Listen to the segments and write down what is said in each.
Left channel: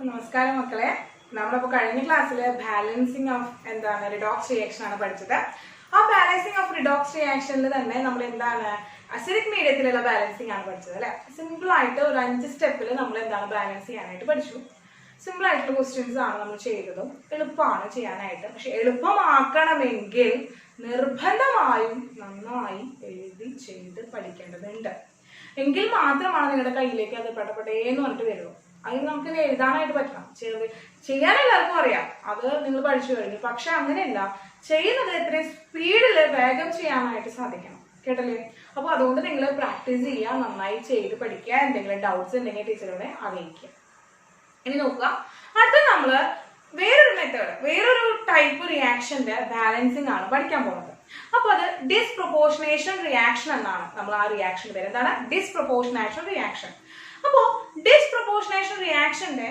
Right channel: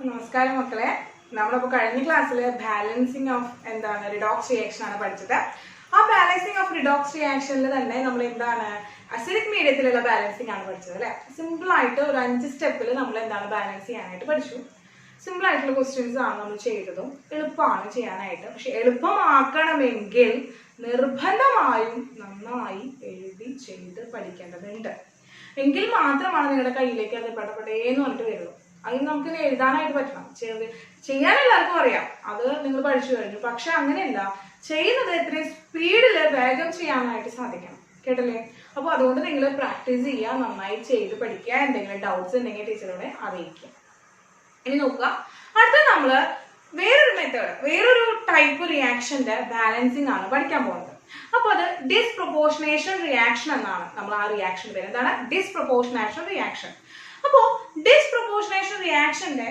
നമസ്കാരം മക്കളെ. നമ്മളിപ്പോൾ കഴിഞ്ഞ ക്ലാസ്സിൽ ബാലൻസിങ് ഓഫ് റിഡോക്സ് റിയാക്ഷൻ ആണ് പഠിച്ചത്. ആ ബാലൻസിങ് ഓഫ് റിഡോക്സ് റിയാക്ഷനിൽ തന്നെ നമ്മൾ അസിഡിക് മീഡിയത്തിലുള്ള ബാലൻസിങ് ആണ് പഠിച്ചത് അല്ലെ. സിമ്പിൾ ആയിട്ട് ഒരു 5 സ്റ്റെപ്പിൽ നമ്മൾ ബാലൻസ് ചെയ്യാനായിട്ട് പഠിച്ചു. സിമ്പിൾ ആയിട്ടുള്ള ക്വസ്റ്റ്യൻസ് ആണ് നമ്മൾ ചെയ്തതും എളുപ്പമാണ് ചെയ്യാനായിട്ട്. പക്ഷെ എളുപ്പമാക്കണമെങ്കിൽ നിർബന്ധമായും നന്നായി എഴുതി ചെയ്ത് പഠിക്കേണ്ടതുണ്ട്. എങ്കിൽ മാത്രമാണ് നിങ്ങളുടെ കയ്യിലേക്ക് അത് പെട്ടപ്പെട്ടേന്ന് പറഞ്ഞിട്ട് വരുള്ളൂ. അതിന് നമുക്ക് എഴുതാനായിട്ട് പറ്റണം. ചെയ്യാൻ എല്ലാവർക്കും അറിയാം, അത് നിങ്ങൾ പഠിച്ചു കഴിഞ്ഞു. പക്ഷെ അങ്ങനെയല്ല, ചെയ്യുന്നത് എത്രയും സ്പീഡില് വേഗം ചെയ്യാനായിട്ട് സാധിക്കണം. കേട്ടല്ലേ? അപ്പൊ അതുകൊണ്ട് നിങ്ങൾ പ്രാക്ടീസ് ചെയ്യുക, നന്നായി ചെയ്ത് പഠിക്കുക. എന്തെങ്കിലും ഡൗട്ട്സ് ഉണ്ടെങ്കിൽ ടീച്ചറോടെ അറിയിക്കുക. ഇനി നോക്കുക, അടുത്ത നമ്മള് വേറൊരു ടൈപ്പ് റിയാക്ഷന്റെ ബാലൻസിങ് ആണ് പഠിക്കാൻ പോകുന്നത്. അപ്പൊ അത് ഡിസ്പ്രൊപ്പോർഷനേഷൻ റിയാക്ഷൻ എന്നാണ്. നമ്മൾ ആ റിയാക്ഷൻ പേര് എന്താണ്? Disproportionation reaction. അപ്പോ ഡിസ്പ്രൊപ്പോർഷനേഷൻ റിയാക്ഷന്റെ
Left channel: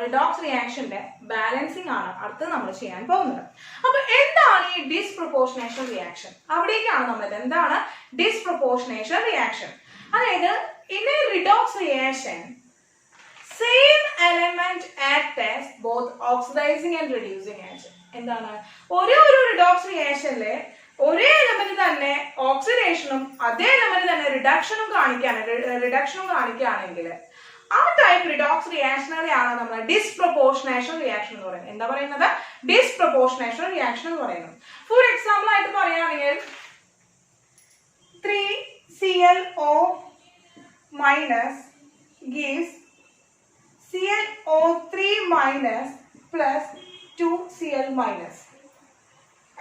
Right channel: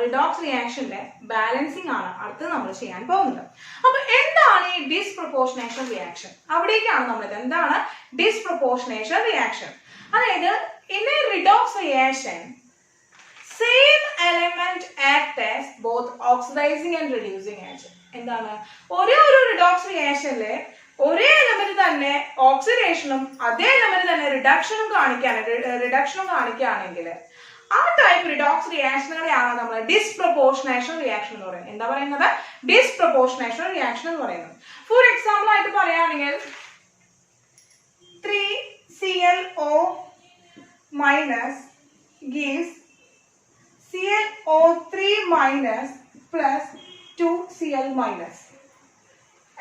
റിഡോക്സ് റിയാക്ഷന്റെ ബാലൻസിങ് ആണ് അടുത്ത് നമ്മൾ ചെയ്യാൻ പോകുന്നത്. അപ്പൊ എന്താണ് ഈ ഡിസ്പ്രൊപ്പോർഷനേഷൻ റിയാക്ഷൻ? അവിടേക്കാണ് നമ്മൾ എന്താണ് ഡിസ്പ്രൊപ്പോർഷനേഷൻ റിയാക്ഷൻ? അതായത് in A redox reaction same element act as both oxidizing and reducing agent. എന്താണ്? ഒരു റിഡോക്സ് റിയാക്ഷനിലെ ഒരേ എലമെന്റ് തന്നെ ഓക്സിഡേഷനും അതേ എലമെന്റ് തന്നെ റിഡക്ഷനും കാണിക്കുകയാണെങ്കിൽ ആ ടൈപ്പ് റിഡോക്സ് റിയാക്ഷനുകളെയാണ് നമ്മൾ ഡിസ്പ്രൊപ്പോർഷനേഷൻ റിയാക്ഷൻ എന്ന് പറയുന്നത്. എന്താ പറയുന്നത്? ഡിസ്പ്രൊപ്പോർഷനേഷൻ റിയാക്ഷൻ എന്ന് പറയുന്നത്. ഫോർ എക്സാമ്പിൾ ആയിട്ട് പറയുകയാണെങ്കിൽ 3ClO minus gives ClO3 minus plus 2Cl minus.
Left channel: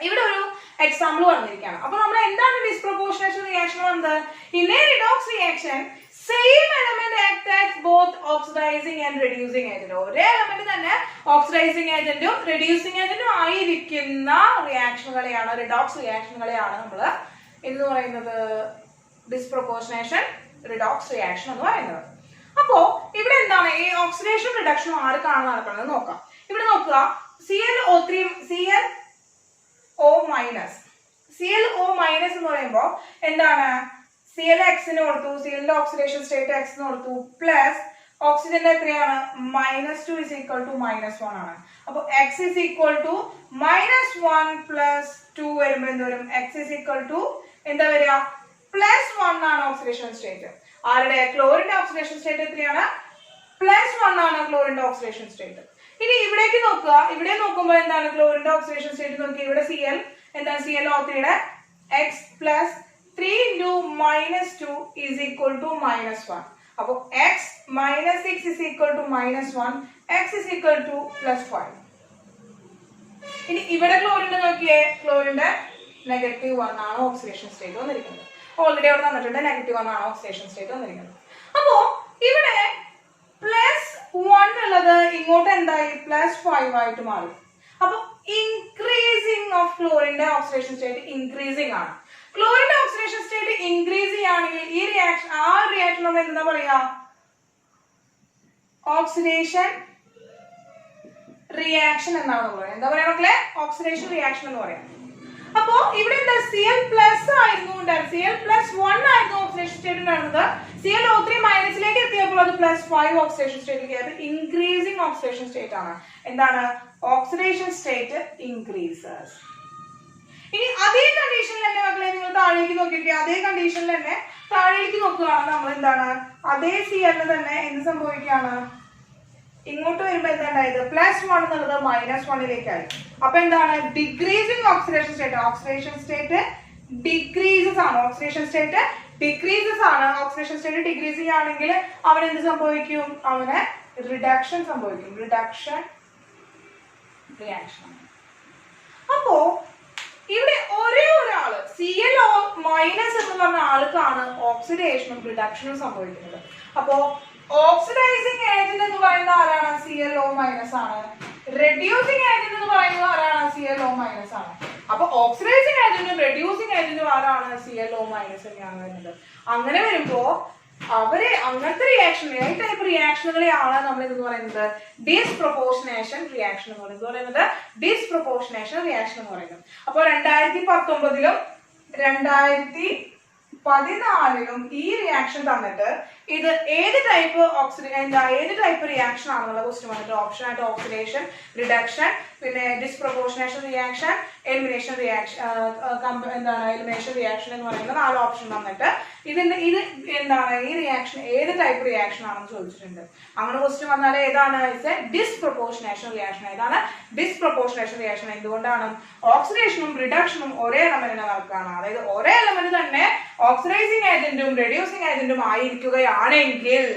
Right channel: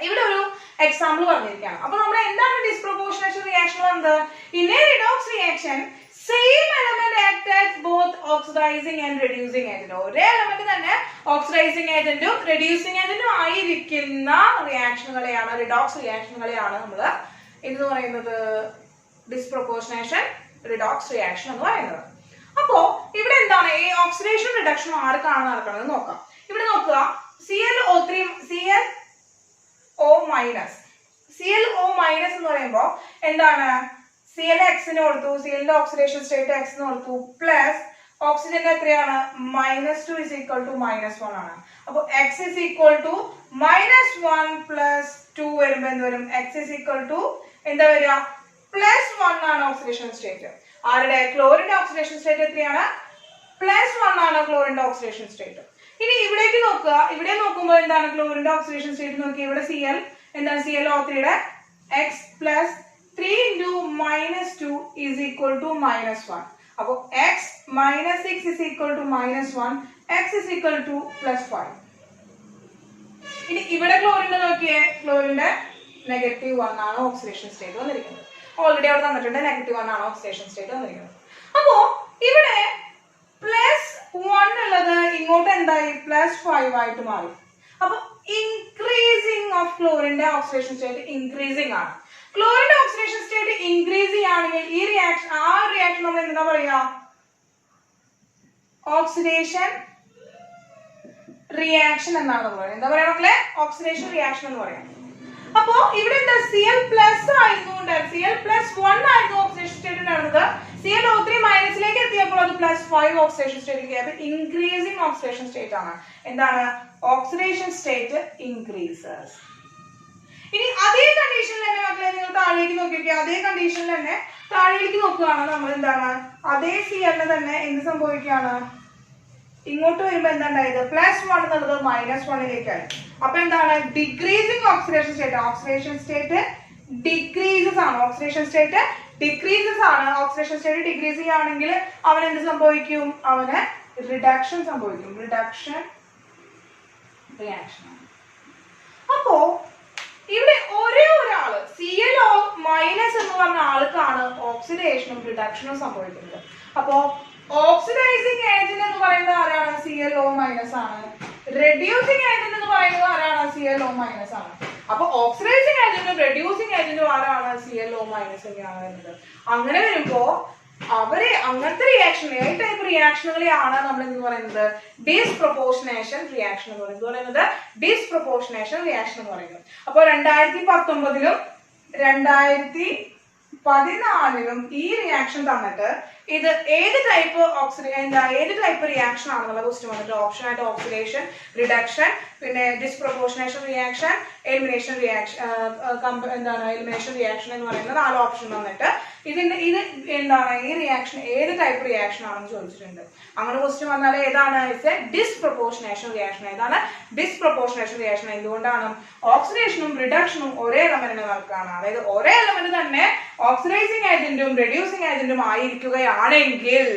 ഇവിടെ ഒരു എക്സാമ്പിൾ പറഞ്ഞിരിക്കുകയാണ്. അപ്പൊ നമ്മൾ എന്താണ് ഡിസ്പ്രൊപ്പോർഷനേഷൻ റിയാക്ഷൻ വന്നത്? In A redox reaction same element act as both oxidising and reducing agent. ഒരേ എലമെന്റ് തന്നെ ഓക്സിഡൈസിങ് ഏജന്റും റെഡ്യൂസിങ് ഏജന്റും ആയിരിക്കുന്ന റിയാക്ഷനുകളെയാണ്, റിഡോക്സ് റിയാക്ഷനുകളെയാണ് നമ്മൾ എന്ന് പറയുന്നത് ഡിസ്പ്രൊപ്പോർഷനേഷൻ റിഡോക്സ് റിയാക്ഷൻ എന്ന് പറയുന്നത്. അപ്പോ ഇവിടെ എന്താണ് ഈ ഓക്സിഡേഷൻ റിഡക്ഷൻ ആർക്കാണ് നടക്കുന്നത് നോക്കാം. ഇവിടെ നോക്കുക, ClO മൈനസ് എന്ന് പറയുമ്പോ എന്താണ്? Clx കൊടുത്തു, Cl ഓക്സിഡേഷൻ സ്റ്റേറ്റ് x എന്ന് കൊടുത്തു, പ്ലസ് ഓക്സിജന്റെ എത്രയാണ്? -2 is equal to -1 ആണ്. അപ്പൊ x is equal to -1 plus 2 വരുമ്പോ എന്ത് വരും? x is equal to എന്താ വരിക? +1 ആണ് ഓക്സിഡേഷൻ സ്റ്റേറ്റ്. ആരുടെ? ക്ലോറിന്റെ ഓക്സിഡേഷൻ സ്റ്റേറ്റ് എത്രയാണ്? +1 ആണ് ക്ലോറിന്റെ ഓക്സിഡേഷൻ സ്റ്റേറ്റ്. ഇനി ഇവിടേക്ക് നോക്കുക, ഇവിടെ നോക്കുമ്പോൾ എന്താണ് ക്ലോറിന്റെ ഓക്സിഡേഷൻ സ്റ്റേറ്റ് നോക്കി. ഇവിടെ Cl എന്താണ്? ClO3യുടെ x plus 3 into -2 is equal to -1. അപ്പൊ x minus 6 is equal to -1, x is equal to +5. ഇനി ഇവിടെ ക്ലോറിന്റെ നോക്കിയേ, ക്ലോറിന്റെ -1 ആണ് ഓക്സിഡേഷൻ സ്റ്റേറ്റ് വന്നിരിക്കുന്നത്. ഓൾറെഡി അവിടെ തന്നിട്ടുണ്ട് -1 ആണ് ഓക്സിഡേഷൻ സ്റ്റേറ്റ് വന്നിരിക്കുന്നത്. അപ്പോ ഇവിടെ +1 ഉള്ളത് ഇങ്ങോട്ട് എന്തായി? +5 ആയിട്ട് മാറി. അപ്പൊ ഇൻക്രീസിംഗ് ഓഫ് ക്ലോറിന്റെ ഓക്സിഡേഷൻ സ്റ്റേറ്റ് ഇൻക്രീസിംഗ് ആണ്. ക്ലോറിന്റെ ഓക്സിഡേഷൻ സ്റ്റേറ്റ് ഇൻക്രീസ് ചെയ്യുകയാണെങ്കിൽ ഈ റിയാക്ഷൻ നമ്മൾ എന്താ പറയാ? ഓക്സിഡേഷൻ റിയാക്ഷൻ എന്നാണ് നമ്മൾ പറയുന്നത്. എന്താ പറയാ മക്കളെ? ഓക്സിഡേഷൻ റിയാക്ഷൻ എന്ന് പറയാം. അപ്പോ ഇവിടെ എന്താ? Cl+ ആയിരുന്നു, Cl+1 ആയിരുന്നു ഓക്സിഡേഷൻ സ്റ്റേറ്റ് ഉണ്ടായിരുന്നത്. ClO3 മൈനസിലേക്ക് എത്തിയപ്പോൾ അത് +5 ഓക്സിഡേഷൻ സ്റ്റേറ്റിലേക്ക്. ഇൻക്രീസിംഗ് ഓക്സിഡേഷൻ സ്റ്റേറ്റ് ആണ്. എന്താണ്? Oxidation state increases. ഇനി അതേ കണ്ടീഷനിൽ തന്നെ മക്കളെ നിങ്ങൾ താഴേക്ക് നോക്കിയിരിക്കുക. അതേ കണ്ടീഷനിൽ തന്നെ താഴേക്ക് നോക്കുകയാണ് നമ്മൾ. എന്താണ്? അതേ Cl തന്നെ എന്ത് സംഭവിക്കുകയാണ്? ഇങ്ങോട്ട് വരുമ്പോ എന്താ ഉണ്ടായത്? +1 എന്നുള്ളത് -1ലേക്കായി. അപ്പൊ എന്താണ്? Decreasing oxidation state. Oxidation state decreases ആണ്. ഓക്സിഡേഷൻ സ്റ്റേറ്റ് ഡിക്രീസസ് ആണ്. ഓക്സിഡേഷൻ സ്റ്റേറ്റ് ഡിക്രീസ് ചെയ്യുകയാണെങ്കിൽ അവൻ എന്ത് സംഭവിക്കും? അവന് റിഡക്ഷൻ സംഭവിക്കും. Reduction reaction. അപ്പോ ഇവിടെ ഒരേ ഒരാള് ClO- എന്ന് പറഞ്ഞ ആൾക്കാണ് ഓക്സിഡേഷനും റിഡക്ഷനും സംഭവിക്കുന്നത്. അപ്പോ ഓക്സിഡൈസിങ് ഏജന്റ് എന്ന് പറയുന്നത് ആരാണ്? ClO- ആണ്. റെഡ്യൂസിങ് ഏജന്റ് എന്ന് പറയുന്നത് ആരാണ്? ClO- ആണ്. അപ്പൊ ഓക്സിഡൈസിങ് ഏജന്റും റെഡ്യൂസിങ് ഏജന്റും ആരാണ്? ClO- തന്നെയാണ് വരുന്നത്. അങ്ങനെ വരുമ്പോ അങ്ങനത്തെ റിയാക്ഷൻ, ഏത് ടൈപ്പ് റിയാക്ഷനുകളെയാണ് നമ്മൾ എന്ന് പറയുന്നത്? ഡിസ്പ്രൊപ്പോർഷനേഷൻ റിയാക്ഷൻ എന്ന് പറയുന്നത്. ഡിസ്പ്രൊപ്പോർഷനേഷൻ റിയാക്ഷൻ എന്ന് പറയുന്നത്. അപ്പൊ 2019 2014 ഈ റിയാക്ഷൻ തന്നിട്ട് ഇത് ഏത് ടൈപ്പ് ഏത് ടൈപ്പ് റിയാക്ഷൻ ആണെന്നുള്ള ക്വസ്റ്റ്യൻ വന്നിട്ട് ഓപ്ഷൻ ആയിട്ട് ഓക്സിഡേഷൻ, റിഡക്ഷൻ, പിന്നെ disproportionation reaction, elimination reaction, elimination reaction എന്ന് പറയുന്ന 4 ഓപ്ഷൻ വന്നിട്ട് ഇത് ഈ റിയാക്ഷൻ ഏത് ടൈപ്പ് റിയാക്ഷൻ ആണെന്ന് ചോദിച്ചിട്ടുണ്ട്. അങ്ങനെ ക്വസ്റ്റ്യൻ വന്നാൽ ഏതാണ് ഡിസ്പ്രൊപ്പോർഷനേഷൻ റിയാക്ഷൻ. ഏതാണ് ഡിസ്പ്രൊപ്പോർഷനേഷൻ റിയാക്ഷൻ? എന്തുകൊണ്ടാണ്? ഓക്സിഡേഷനും റിഡക്ഷനും ഒരേ എലമെന്റിന് നടക്കുകയാണ്. അതായത് ഒരേ എലമെന്റ് തന്നെ ഓക്സിഡൈസിങ് ഏജന്റും റെഡ്യൂസിങ് ഏജന്റും ആയിരിക്കുകയാണെങ്കിൽ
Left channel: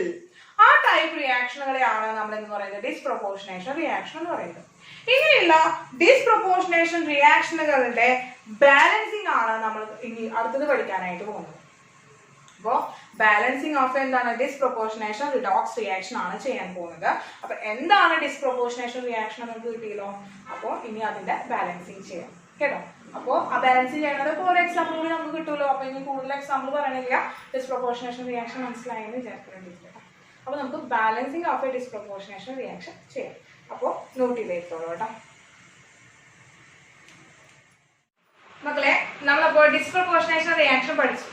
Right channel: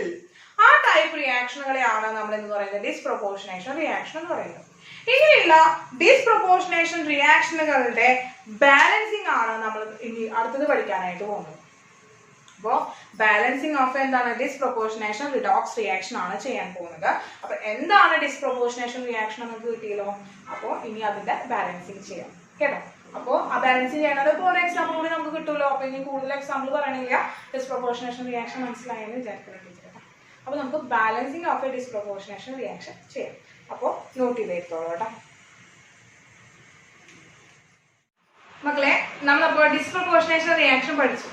ആ ടൈപ്പ് റിയാക്ഷനുകളെയാണ് നമ്മൾ എന്ന് പറയുന്നത് ഡിസ്പ്രൊപ്പോർഷനേഷൻ റിയാക്ഷൻ എന്ന് പറയുന്നത്. ഇങ്ങനെയുള്ള ഡിസ്പ്രൊപ്പോർഷനേഷൻ റിയാക്ഷനുകളുടെ ബാലൻസിങ് ആണ് നമ്മൾ ഇനി അടുത്തത് പഠിക്കാനായിട്ട് പോകുന്നത്. അപ്പോൾ ബാലൻസിങ് ഓഫ് എന്താണ് ഡിസ്പ്രൊപ്പോർഷനേഷൻ റിഡോക്സ് റിയാക്ഷൻ ആണ് ചെയ്യാൻ പോകുന്നത്. അപ്പൊ എന്താണ് ഡിസ്പ്രൊപ്പോർഷനേഷൻ റിയാക്ഷൻ നമുക്ക് കിട്ടിയല്ലോ. അപ്പോൾ ഇനി അതിന്റെ ബാലൻസിങ് ചെയ്യാം കേട്ടോ. അപ്പോൾ ആ ബാലൻസ് ചെയ്യണത് ഇപ്പോൾ ഒരു എക്സാമ്പിൾ കൂടി നമുക്ക് കിട്ടുമല്ലോ. അപ്പൊ ഇനി കൂടുതൽ എക്സാമ്പിൾ പറയണില്ല. ഡിസ്പ്രൊപ്പോർഷനേഷൻ റിയാക്ഷൻ മനസ്സിലായെന്ന് വിചാരിക്കുന്നുണ്ട്. അപ്പൊ നമുക്ക് balancing of A disproportionation reaction ചെയ്യാം. അപ്പോൾ നോട്ട് ചെയ്തോളൂ കേട്ടോ മക്കളെ. നമ്മളപ്പോൾ ഡിസ്പ്രൊപ്പോർഷനേഷൻ റിയാക്ഷൻ പഠിച്ചു.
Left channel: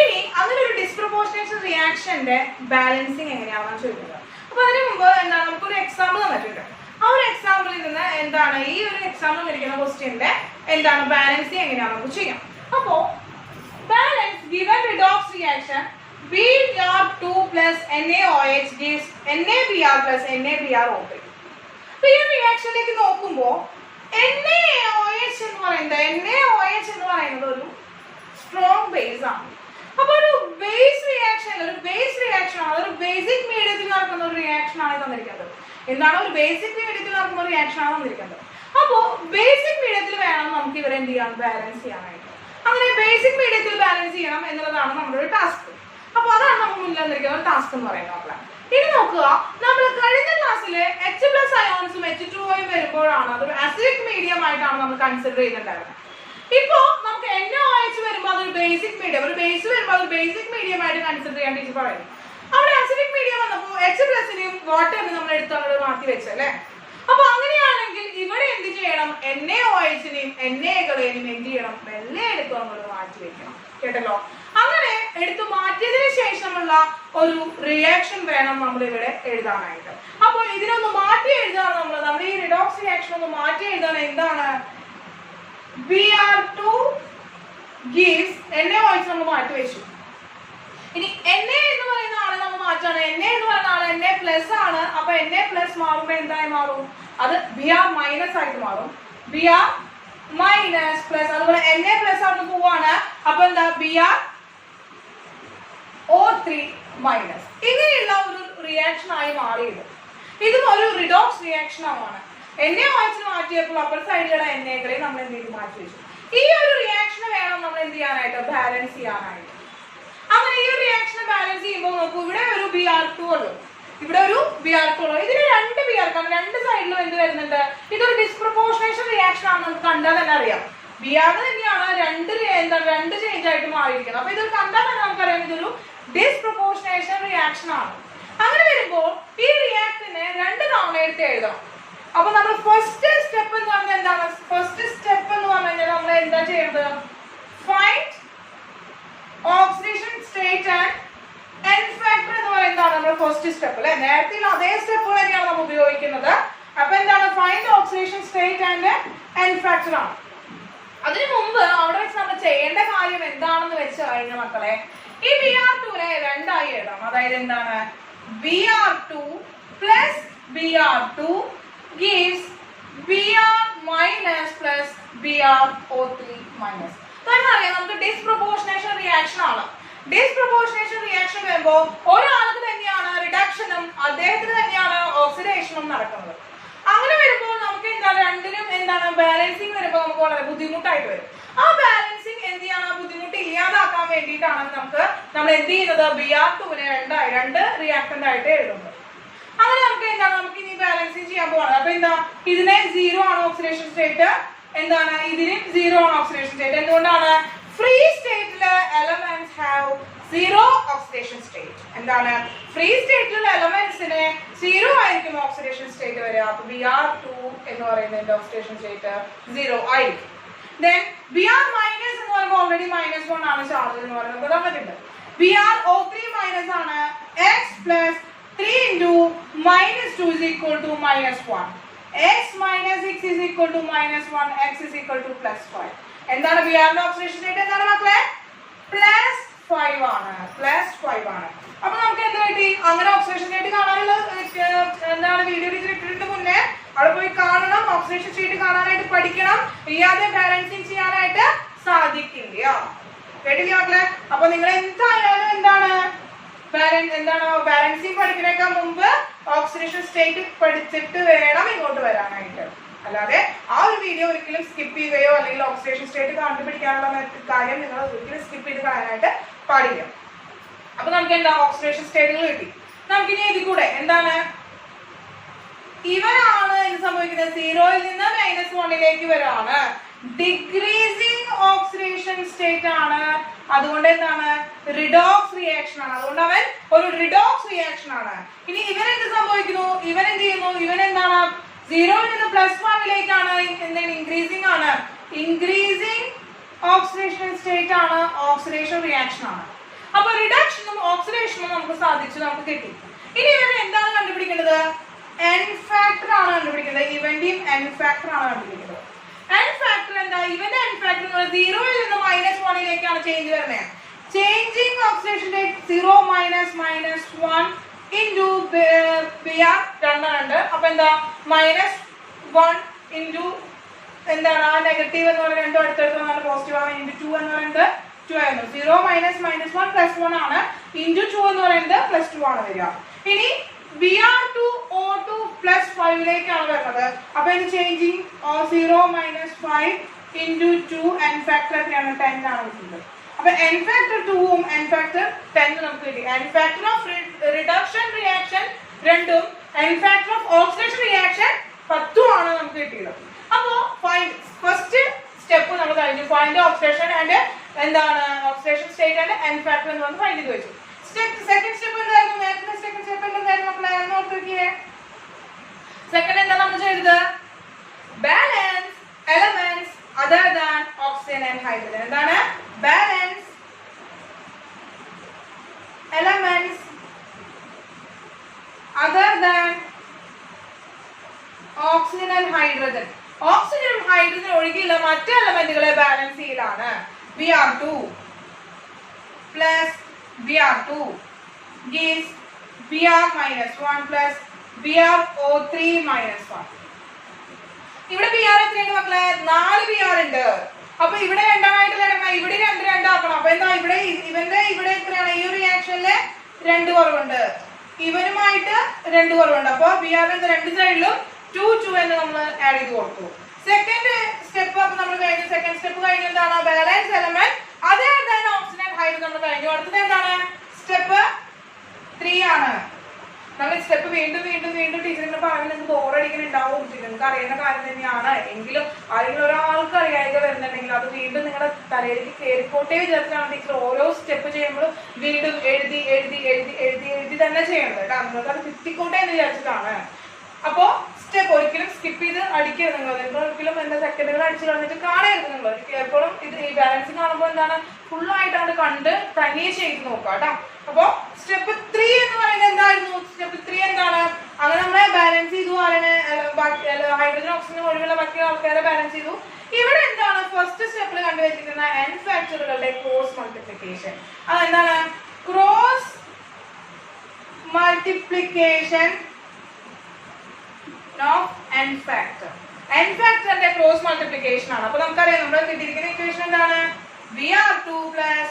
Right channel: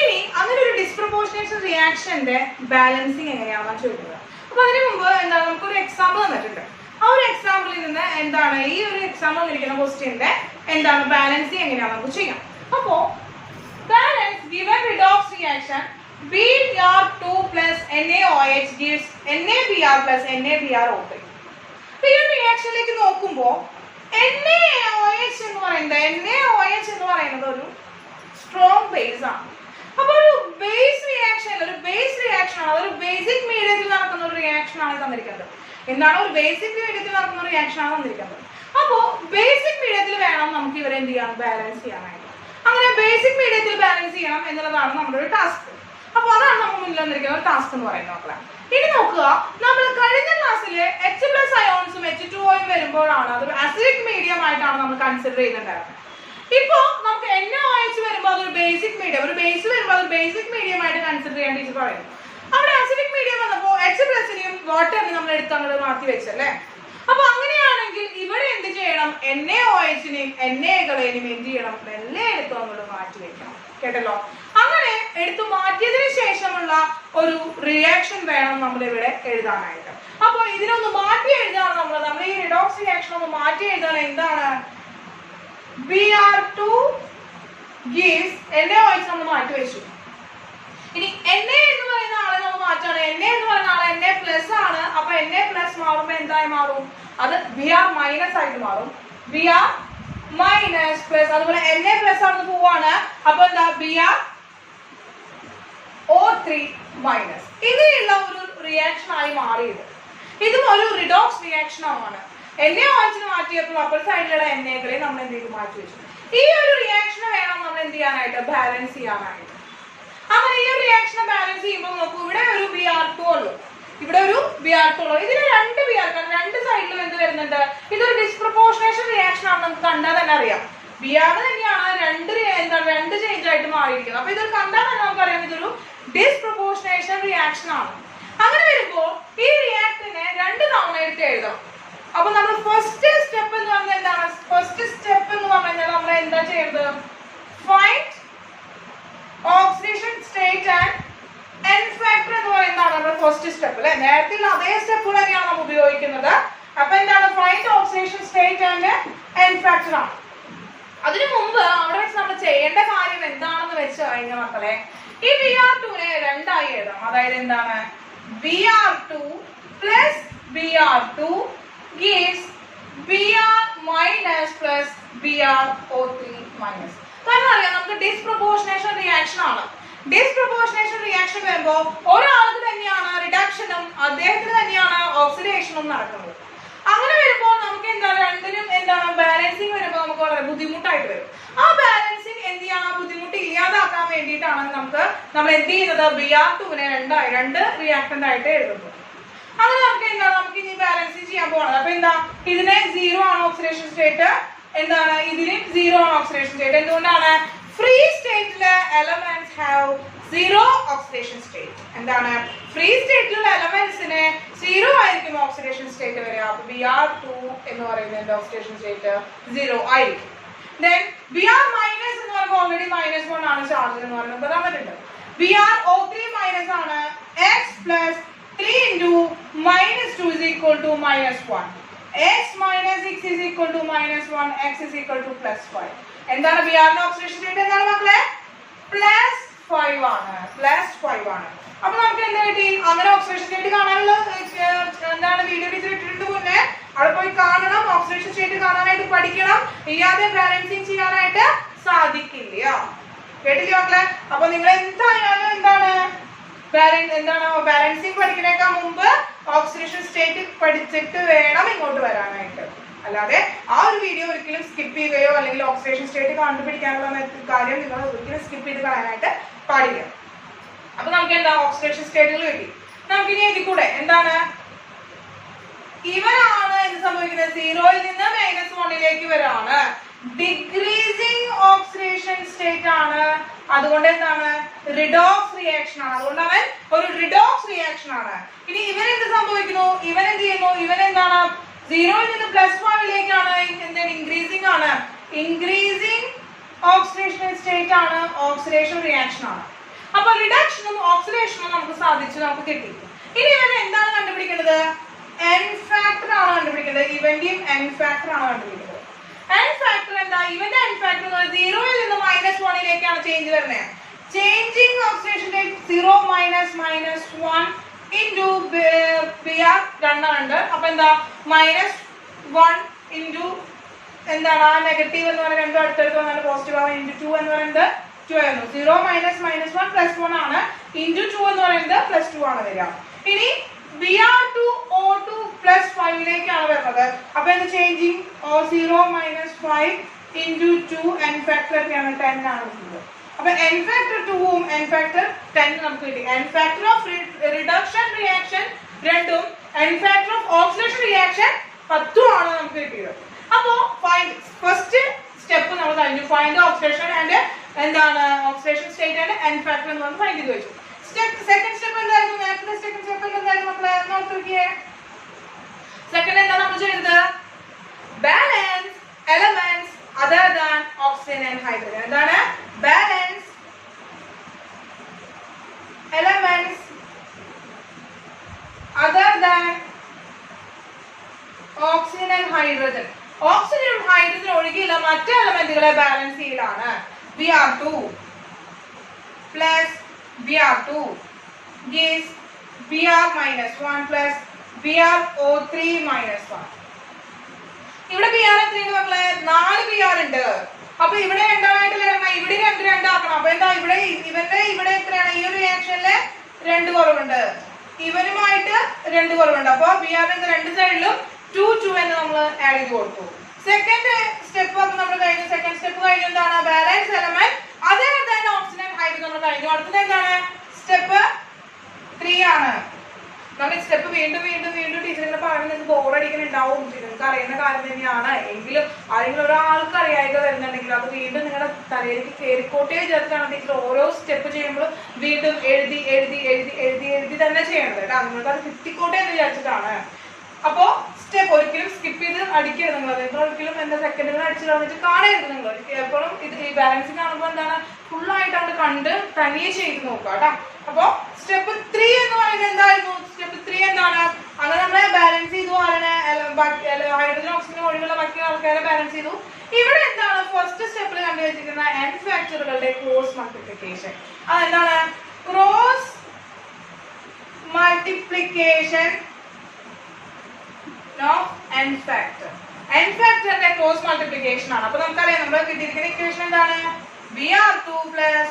ഇനി അങ്ങനെ ഒരു ഡിസ്പ്രൊപ്പോർഷനേഷൻ റിയാക്ഷന്റെ ബാലൻസിങ് എങ്ങനെയാണെന്ന് ചോദിക്കുന്നത്. അപ്പൊ അതിന് മുമ്പ് എന്താണ് നമുക്കൊരു എക്സാമ്പിൾ തന്നിട്ടുണ്ട്. ആ ഒരു എക്സാമ്പിളിൽ നിന്ന് എന്താണ് ഈ ഒരു എക്സാമ്പിൾ തന്നിരിക്കുന്ന ക്വസ്റ്റ്യന്റെ എന്താണ് ബാലൻസിങ് എങ്ങനെയാണ് നമുക്ക് ചെയ്യാം. അപ്പോ balance given redox reaction Br2 plus NaOH gives NaBr plus NaBrO3. അപ്പൊ ഈ റിയാക്ഷനിലേക്ക് നോക്കുമ്പോൾ NaOH എന്ന് പറയുന്നത് ഒരു സ്ട്രോങ് ബേസ് ആണ്. അപ്പൊ ഒരു ബേസ് റിയാക്ഷൻ ആണ്, അതൊരു ബേസിക് മീഡിയത്തിൽ നടക്കുന്ന ഒരു റിയാക്ഷൻ ആണ് തന്നിരിക്കുന്നത്. എന്താണ് ഒരു ബേസിക് മീഡിയത്തിൽ നടക്കുന്ന ഒരു റിയാക്ഷൻ ആണ് തന്നിരിക്കുന്നത്. അപ്പോ ബേസിക് മീഡിയത്തിൽ വേണം നമുക്ക് ഇവരെ എന്ത് ചെയ്യാൻ ബാലൻസ് ചെയ്യാനായിട്ട്. അങ്ങനെ ബേസിക് മീഡിയത്തിൽ ബാലൻസ് ചെയ്യണം എന്നുള്ളതാണ് നമ്മുടെ ഒരു ടാസ്ക്. അപ്പൊ അതാണ് നമുക്ക് മുന്നിൽ തന്നിരിക്കുന്ന ടാസ്ക് എന്ന് പറയുന്നത് മക്കളെ. ഇനി നോക്കുക, നമ്മൾ കഴിഞ്ഞ ക്ലാസ്സിൽ H+ അയോൺസും H2O വരുമ്പോഴാണ് അതൊരു അസിഡിക് മീഡിയം ആയിട്ടാണ് നമ്മൾ കൺസിഡർ ചെയ്യുന്നുണ്ടായിരുന്നത്. ഇപ്പോ നമുക്ക് NaOH വരുമ്പോൾ അതൊരു ബേസിക് മീഡിയം, ഒരു ബേസ് വരുമ്പോൾ അതൊരു ബേസിക് മീഡിയം ആയിട്ട് കൺസിഡർ ചെയ്യാൻ ടീച്ചർ പറയുന്നു. അവിടെ അസിഡിക് മീഡിയം വന്നപ്പോൾ H+നെയും വാട്ടറിനെയും നമ്മൾ എടുത്ത് അങ്ങോട്ട് മാറ്റി വെച്ചല്ലേ. അപ്പൊ അങ്ങനെയാണെങ്കിൽ ഇവിടെ എന്ത് ചെയ്യണം? NaOHനെയും Naകളെയും എന്ത് ചെയ്യണം? മെല്ലെ എടുത്ത് അങ്ങോട്ട് മാറ്റി വെക്കണം. കേട്ടല്ലോ? അങ്ങനെ എടുത്തു മാറ്റിയതിനു ശേഷമുള്ള ഒരു റിയാക്ഷൻ വേണം നമ്മൾ ഇവിടെ എഴുതാനായിട്ട്. അപ്പൊ ഇതിനൊന്ന് മാറ്റി എഴുതാണ് നമ്മൾ ഈ റിഡോക്സ് റിയാക്ഷൻ ഒന്ന് മാറ്റി എഴുതാണ്. എന്താണ്? Br2 gives NaOH നമ്മൾ മാറ്റി വെച്ചു. ഇനി Na എന്ന് പറയുന്ന ആളെ നമ്മൾ മാറ്റാണ്. Na എന്ന് പറയുന്ന ആളെ Na+ ആണ്. അപ്പൊ Na+ മാറുമ്പോ എന്തായി മാറും? അത് Br- ആയിട്ട് മാറും. Br- അതുപോലെ Na+ ആണ് പോവാണ്. അപ്പൊ എന്താ? Br O3-. ഇങ്ങനെയുള്ള ഒരു റിയാക്ഷൻ ആയി മാറിയത്. ഇതും ഒരു റിഡോക്സ് റിയാക്ഷൻ ആണ്. NaOH മാറ്റിയപ്പോൾ അപ്പർ സൈഡിലുള്ള Naകളെ നമ്മൾ എന്ത് ചെയ്ത് മാറ്റി വെച്ചു. ഈ ഒരു റിയാക്ഷൻ വേണം നമ്മൾ എന്ത് ചെയ്യാനായിട്ട്? ബാലൻസ് ചെയ്യാനായിട്ട്. അങ്ങനെ ഈ റിയാക്ഷൻ ബാലൻസ് ചെയ്യുമ്പോൾ നോക്കൂ, ഇവിടെ ഒരു Br2 ഉള്ളൂ, ഇവിടെ ഒരു Br2 ഉള്ളൂ. ഇതിന് 2 Br, രണ്ട് സൈഡിലും എന്ത് വരുന്നുണ്ട്? ഇതൊരു ഡിസ്പ്രൊപ്പോർഷനേഷൻ റിയാക്ഷൻ ആണ്. നമുക്ക് കണ്ടാൽ തന്നെ അറിയാം. Br തന്നെയാണ് രണ്ട് ചേഞ്ച് ആയിട്ട് മാറിയിരിക്കുന്നത്. അപ്പൊ ഇത് കണ്ടാൽ തന്നെ നമുക്കറിയാം ഇതൊരു ഡിസ്പ്രൊപ്പോർഷനേഷൻ റിയാക്ഷൻ ആണ്. അങ്ങനെ വരുമ്പോൾ ഈ റിയാക്ടറിനെ 2 തവണ എടുത്ത് എഴുതാം. അപ്പൊ നമ്മൾ ഫസ്റ്റ് സ്റ്റെപ്പ് എന്ന് പറഞ്ഞാൽ എന്താണ്? ഫസ്റ്റ് സ്റ്റെപ്പ് എന്ന് പറഞ്ഞാൽ നമ്മൾ എന്താ ചെയ്യുന്നത്? Find oxidation state and N factor എന്ന് പറയുന്നതാണ് നമ്മുടെ ഫസ്റ്റ് സ്റ്റെപ്പ് അല്ലെ. നേരത്തെ അതേ സ്റ്റെപ്പുകൾ തന്നെയാണ് നമ്മൾ ഉപയോഗിക്കുന്നത്. അപ്പൊ എന്താണ്? Find oxidation state and N factor ആണ്. അതിനു മുമ്പ് അവിടെ വെച്ച് നമ്മൾ ചെയ്യേണ്ട കാര്യം എന്താണെന്ന് വെച്ച് കഴിഞ്ഞ മക്കളെ, ഈ Br2നെ 2 ആയി എഴുതാം. അതായത് എന്താണ്? Br2 plus Br2 gives Br- plus BrO3-. കാരണം അറിയാം നമുക്ക് ഡിസ്പ്രൊപ്പോർഷനേഷൻ റിയാക്ഷൻ ആണ്. ഡിസ്പ്രൊപ്പോർഷനേഷൻ റിയാക്ഷൻ വരുമ്പോൾ ഒരാൾക്ക് തന്നെയാണ് റിഡക്ഷനും അദ്ദേഹത്തിന് തന്നെയാണ് ഓക്സിഡേഷനും നടക്കുന്നത്. അങ്ങനെ വരുമ്പോൾ നമുക്ക് എന്താണ് രണ്ടിനും എന്താണ് ബാലൻസിങ് വരുമ്പോൾ നമുക്ക് വളരെ ബുദ്ധിമുട്ടായിട്ട് വരും. ആ ബാലൻസിങ് എന്ത് ചെയ്യണം? ആ ബുദ്ധിമുട്ട് ഇല്ലാതാക്കാൻ വേണ്ടിയിട്ടാണ് നമ്മൾ എന്ത് ചെയ്യുന്നത്? Br2നെ 2 റിയാക്ടന്റ് ആയിട്ട് എഴുതുന്നത്. അങ്ങനെ നമുക്ക് എന്താണ്? നമുക്ക് ഇനി ബാലൻസിങ് ചെയ്യാൻ പോകണം. അപ്പൊ എന്താ? ഇതിനെ 0 ആണ് ഓക്സിഡേഷൻ സ്റ്റേറ്റ്. എന്താണ്? ഇതിന് 0 ആണ് ഓക്സിഡേഷൻ സ്റ്റേറ്റ്. എന്തുകൊണ്ടാണ്? ഫ്രീ സ്റ്റേറ്റിലെ എലമെന്റ്സ് ഹാവ് 0 ഓക്സിഡേഷൻ സ്റ്റേറ്റ്. എന്താണ്? ഫ്രീ സ്റ്റേറ്റിലുള്ള എലമെന്റ്സിന് 0 ആയിരിക്കും ഓക്സിഡേഷൻ സ്റ്റേറ്റ് വരിക. അപ്പൊ Br2 എന്ന് പറയുന്നതിന്റെ ഓക്സിഡേഷൻ സ്റ്റേറ്റ് 0 ആയിരിക്കും. Then Br- എന്ന് പറയുമ്പോൾ ഓൾറെഡി -1 ആണ് ചാർജ് എന്ന് പറയുന്നത് തന്നിട്ടുണ്ട്. BrO3 minus ആണ് x plus 3 into minus 2 is equal to minus 1. X minus x is equal to minus 1. X is equal to plus 5. എന്താണ് Br ന്റെ ഓക്സിഡേഷൻ സ്റ്റേറ്റ് എന്താണ് മക്കളെ? പ്ലസ് 5 ആണ്. പ്ലസ് 5 ആണ്. അപ്പോൾ നമുക്ക് എന്ത് കിട്ടി? അങ്ങനെ ഓക്സിഡേഷൻ സ്റ്റേറ്റ് കാണാനുള്ള എന്താണ് വീഡിയോ ടീച്ചർ ഇട്ടിട്ട് മുന്നേ അവിടെ പോയി കാണണം. ഓക്സിഡേഷൻ സ്റ്റേറ്റ് കാണാനായിട്ട് പഠിക്കണം. ഇല്ലാതെ ബാലൻസിങ് ചെയ്യാനായിട്ട് സാധിക്കില്ല. കേട്ടില്ലേ മക്കളെ? അപ്പൊ നിങ്ങൾ എന്തായാലും ബാലൻസിങ് പഠിക്കുന്നേക്കാൾ മുമ്പ് ഓക്സിഡേഷൻ സ്റ്റേറ്റ് പഠിച്ചിട്ട് വേണം ഇങ്ങോട്ട് വരാനായിട്ട്. അല്ലാതെ ആ ഒരു വീഡിയോ ഒരിക്കലും സ്കിപ്പ് ചെയ്യുകയോ അല്ലെങ്കിൽ ഓക്സിഡേഷൻ സ്റ്റേറ്റ് കണ്ടുപിടിക്കാനുള്ള കാര്യം നിങ്ങൾ ഒരിക്കലും സ്കിപ്പ് ചെയ്ത് കളയാനായിട്ട് പാടില്ല. അപ്പൊ നമുക്ക് എന്താ ഓക്സിഡേഷൻ സ്റ്റേറ്റുകൾ കിട്ടി. നമുക്കിനി ഇതിൽ കൂടെ എന്താണ് ഇവരാണ് എന്ത് സംഭവിക്കുന്നത്? 0യിൽ നിന്ന് -1ലേക്ക് വരാണ്. ഡിക്രീസിങ് ഓക്സിഡേഷൻ സ്റ്റേറ്റ് ആണ്. അതുകൊണ്ട് എന്താണ്? റിഡോക്സ് റിയാക്ഷൻ ആണ്. അതുകൊണ്ട് അവൻ ഒരു റിഡോക്സ് റിയാക്ഷൻ ആണ്. ഇനി ഇവൻ എന്ത് സംഭവിക്കുന്നു? ഇവൻ എന്ത് ചെയ്യുന്നു? ഇവൻ എന്താണ്? 0യിൽ നിന്ന് +1ലേക്കാണ്. ഇൻക്രീസിംഗ് ആണ്. ഇൻക്രീസിംഗ് ഓക്സിഡേഷൻ സ്റ്റേറ്റ് ആണ്. ഓക്സിഡേഷൻ റിയാക്ഷൻ ആണ്. അപ്പൊ റിഡക്ഷനും ഓക്സിഡേഷനും നമുക്ക് സാധിച്ചു, നമുക്ക് കിട്ടി. ഇനി ഇവൻ എന്താണ് കണ്ടുപിടിക്കേണ്ടത്? n ഫാക്ടർ ആണ് കണ്ടുപിടിക്കേണ്ടത്. ഇവന്റെയും n ഫാക്ടർ ആണ് കണ്ടുപിടിക്കേണ്ടത്. n ഫാക്ടർ എന്താ? ഇവന്റെ n ഫാക്ടർ 0യിൽ നിന്ന് -1ലേക്കാണ് ചേഞ്ച് വരുന്നത്. Changing oxidation rate 0 -1 into Br രണ്ടെണ്ണുണ്ട്. അപ്പൊ എന്താ? -1 into എന്താണ് ആ നെഗറ്റീവ് എന്ന് പറയുന്നത് രണ്ടും അടുത്തടുത്ത് വന്നാൽ പോസിറ്റീവ് ആണ്. ഇൻറ്റു 2 എന്ന് പറയുന്നത് 2 ആയിരുന്നു. 0 -1 +1 ആണ്. ഇൻറ്റു 2 എന്ന് പറയുന്നത് +2 ആണ് വരിക. ഇനി Br2 O2 +5ലേക്കാണ് വരുന്നത്. അപ്പൊ എന്ത് ചേഞ്ചിങ് 0 -5 into 2 n ഫാക്ടർ എത്രയാണ്? 10 ആണ് കിട്ടുന്നത്. അപ്പൊ n ഫാക്ടർ 2ഉം n ഫാക്ടർ 10 നമുക്ക് കിട്ടി. n factor of reduction reaction 2ഉം n factor of oxidation reaction 10ഉം ആണ് നമുക്ക് കിട്ടിയത്. അപ്പോ ഫസ്റ്റ് സ്റ്റെപ്പ് നമ്മൾ കഴിഞ്ഞു. ഫൈൻഡ് ഓക്സിഡേഷൻ ആൻഡ് എന്താണ് oxidation state and n factor എന്ന് നമ്മൾ ഫൈൻഡ് ചെയ്ത് വെച്ചു. സെക്കൻഡ് സ്റ്റെപ്പ് എന്തായിരുന്നു? നേരത്തെ സെക്കൻഡ് സ്റ്റെപ്പ് എന്തായിരുന്നു മക്കളെ? നോക്കിയേ. സെക്കൻഡ് എന്താ നമ്മൾ ചെയ്തത്? Balance elements other than oxygen and hydrogen. എന്താണ്? Balance elements other than oxygen and hydrogen. ഓക്സിജനും ഹൈഡ്രജൻ ഒഴികെയുള്ള മറ്റ് എലമെന്റുകളെ ബാലൻസ് ചെയ്യലാണ്. Br2 plus Br2 gives Br -1 plus BrO3 -1. ഇവിടെ Br എത്രയാണ് മക്കളെ? 4 Br ഉണ്ട്. അപ്പൊ ഇവിടെ രണ്ടായിട്ട് കിടക്കണം. ഇവിടെ 2 ആക്കണം. അപ്പൊ എന്താ? ഇവിടെ ഇവിടെ എത്രയാണ്? ഈ ഒരു റിയാക്ഷനില് 2 കുറവുണ്ട്. ഇവനുമായിട്ട് 2 കുറവുണ്ട്. അപ്പൊ Br ന്റെ രണ്ട് സൈഡിലും 2 എന്ന് നമ്മൾ ആഡ് ചെയ്ത് കൊടുത്തു. സെക്കൻഡ് സ്റ്റെപ്പ് നമ്മൾ കഴിഞ്ഞു. സെക്കൻഡ് സ്റ്റെപ്പ് കഴിഞ്ഞ എന്താണ്? ബാലൻസ് എലമെന്റ് അതേ തന്നെ ഓക്സിജൻ ഹൈഡ്രജൻ നമ്മൾ കഴിഞ്ഞു. അടുത്തത് എന്താണ്? സ്റ്റെപ്പ് 3 ആണ്. നമ്മൾ സ്റ്റെപ്പ് വീണ്ടും ടീച്ചറിനെ പറഞ്ഞ് നിങ്ങൾക്ക് ബോറടിക്കുന്നുണ്ടാവും. നിങ്ങൾക്ക് അറിയുന്ന കാര്യം തന്നെയാണ്. എങ്കിലും ആരെങ്കിലും ഒരാൾക്ക് അറിയാതെ വരുന്നുണ്ടെങ്കിൽ അത് വീണ്ടും നിങ്ങളുടെ തലയിലേക്ക് കയറിക്കോട്ടേ ചേർത്താണ് ടീച്ചർ ഓരോ സ്റ്റെപ്പ് ചെയ്യുമ്പോൾ വീണ്ടും എഴുതി തന്നെ ചെയ്യണത് കേട്ടോ. നിങ്ങൾക്ക് അത് കിട്ടിക്കോട്ടെ എന്ന് വിചാരിച്ചിട്ടാണ്. അപ്പോ സ്റ്റെപ്പ് ഒരിക്കലും സ്കിപ്പ് ചെയ്ത് അടിക്കരുത്. നിങ്ങൾ ഒരിക്കലും എന്താ സെക്കൻഡുകൾ അടിച്ചു കളഞ്ഞിട്ട് കാണരുത്. നിങ്ങൾ എപ്പോഴും ഇത് ഈ ബാലൻസിങ് കാണുമ്പോൾ എന്താണ് ഫുള്ളായിട്ടാണ് കണ്ട് തനിയെ ചെയ്ത് നോക്കുക കേട്ടോ. അപ്പോ സ്റ്റെപ്പ് 3 എന്ന് പറയുന്നത് എന്തായിരുന്നു? സ്റ്റെപ്പ് 3 എന്താണ്? അങ്ങനെ നമ്മളെ ബാലൻസ് ചെയ്തു. ഹൈഡ്രജൻ ഓക്സിജൻ ഒഴിവുള്ള ബാക്കി ആൾക്കാരെ ബാലൻസ് ചെയ്തു. ഇവിടെ എന്താണ് ഫസ്റ്റ് സ്റ്റെപ്പിൽ കണ്ടുവച്ചിരിക്കുന്ന n ഫാക്ടറുകളുടെ ക്രോസ് മൾട്ടിപ്ലിക്കേഷൻ. അതെന്താണ്? Cross multiplication of n factor. n ഫാക്ടറിന്റെ ക്രോസ് മൾട്ടിപ്ലിക്കേഷൻ ആണ്. അപ്പൊ നമുക്കറിയാം നമ്മൾ കിട്ടിയിരിക്കുന്ന ഇക്വേഷൻ എന്താണ്? Br2 plus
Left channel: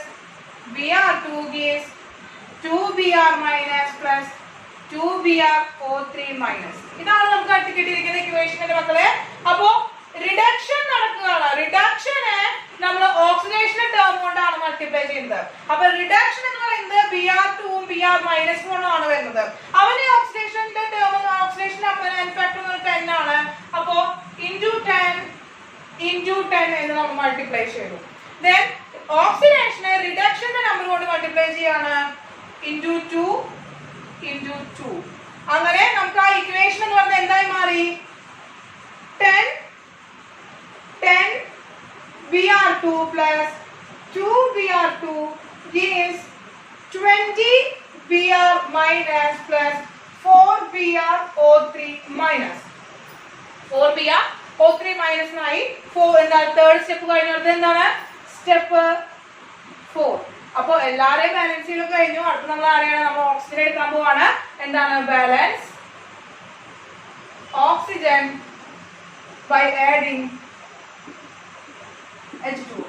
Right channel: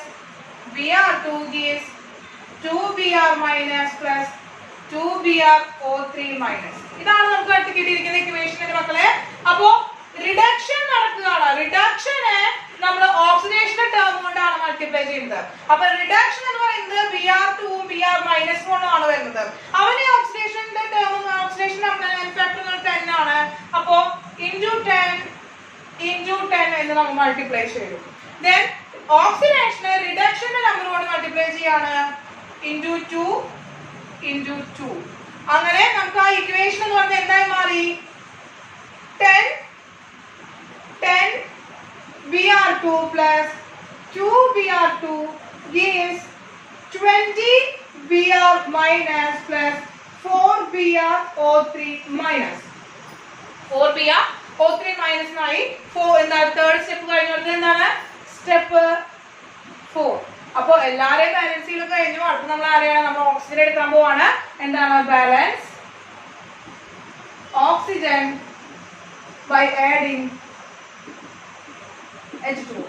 Br2 gives 2Br minus plus 2BrO3 minus. ഇതാണ് നമുക്ക് കിട്ടിയിരിക്കുന്ന ഇക്വേഷൻ മക്കളെ. അപ്പോ റിഡക്ഷൻ നടക്കുകയാണ്. റിഡക്ഷനെ നമ്മൾ ഓക്സിഡേഷൻ ടേം കൊണ്ടാണ് മൾട്ടിപ്ലൈ ചെയ്യുന്നത്. അപ്പൊ റിഡക്ഷൻ എന്ന് പറയുന്നത് Br2 Br -1 ആണ് വരുന്നത്. അവന് ഓക്സിഡേഷന്റെ ടേം ഓക്സിഡേഷൻ ഫാക്ടർ 10 ആണ്. അപ്പോ into 10 എന്ന് നമ്മൾ മൾട്ടിപ്ലൈ ചെയ്തു. Then ഓക്സിഡേഷനെ റിഡക്ഷന്റെ നമ്പർ കൊണ്ട് മൾട്ടിപ്ലൈ ചെയ്യാണ്. into 2. അങ്ങനെ നമുക്ക് ആ ഇക്വേഷൻ എന്ന് പറഞ്ഞാൽ എന്തായി മാറി? 10 Br2 plus 2Br2 gives 20 Br minus plus 4 BrO3 minus 4 BrO3 minus ആയി 4 എന്താ തേർഡ് സ്റ്റെപ്പ് കഴിഞ്ഞിട്ട് എന്താണ് സ്റ്റെപ്പ് 4. അപ്പോൾ എല്ലാരെയും ബാലൻസ് ചെയ്ത് കഴിഞ്ഞു. അടുത്ത നമ്മൾ ആരെയാണ് നമ്മൾ ഓക്സിജൻ എടുക്കാൻ പോവാണ്. എന്താണ് balance oxygen by adding H2O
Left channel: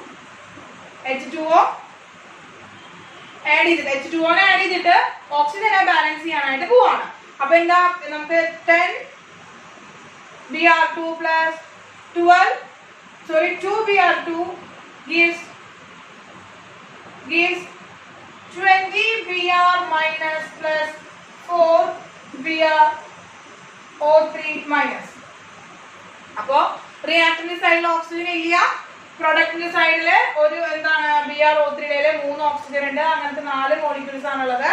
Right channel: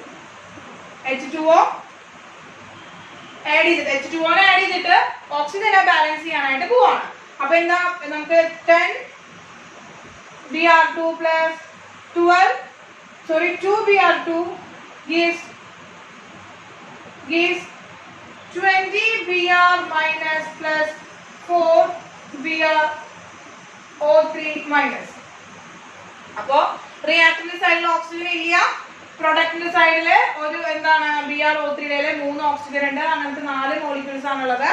add ചെയ്തിട്ട് H2O ആഡ് ചെയ്തിട്ട് ഓക്സിജനെ ബാലൻസ് ചെയ്യാനായിട്ട് പോവാണ്. അപ്പൊ എന്താ നമുക്ക് 10 Br2 plus 2 Br2 gives 20 Br minus plus 4 BrO3 minus. അപ്പോ റിയാക്ടറിന്റെ സൈഡിൽ ഓക്സിജൻ ഇല്ല, പ്രൊഡക്റ്റിന്റെ സൈഡില് ഒരു എന്താണ് BrO3 3 ഓക്സിജൻ ഉണ്ട്. അങ്ങനത്തെ 4 മോളിക്യൂൾസ് ആണുള്ളത്.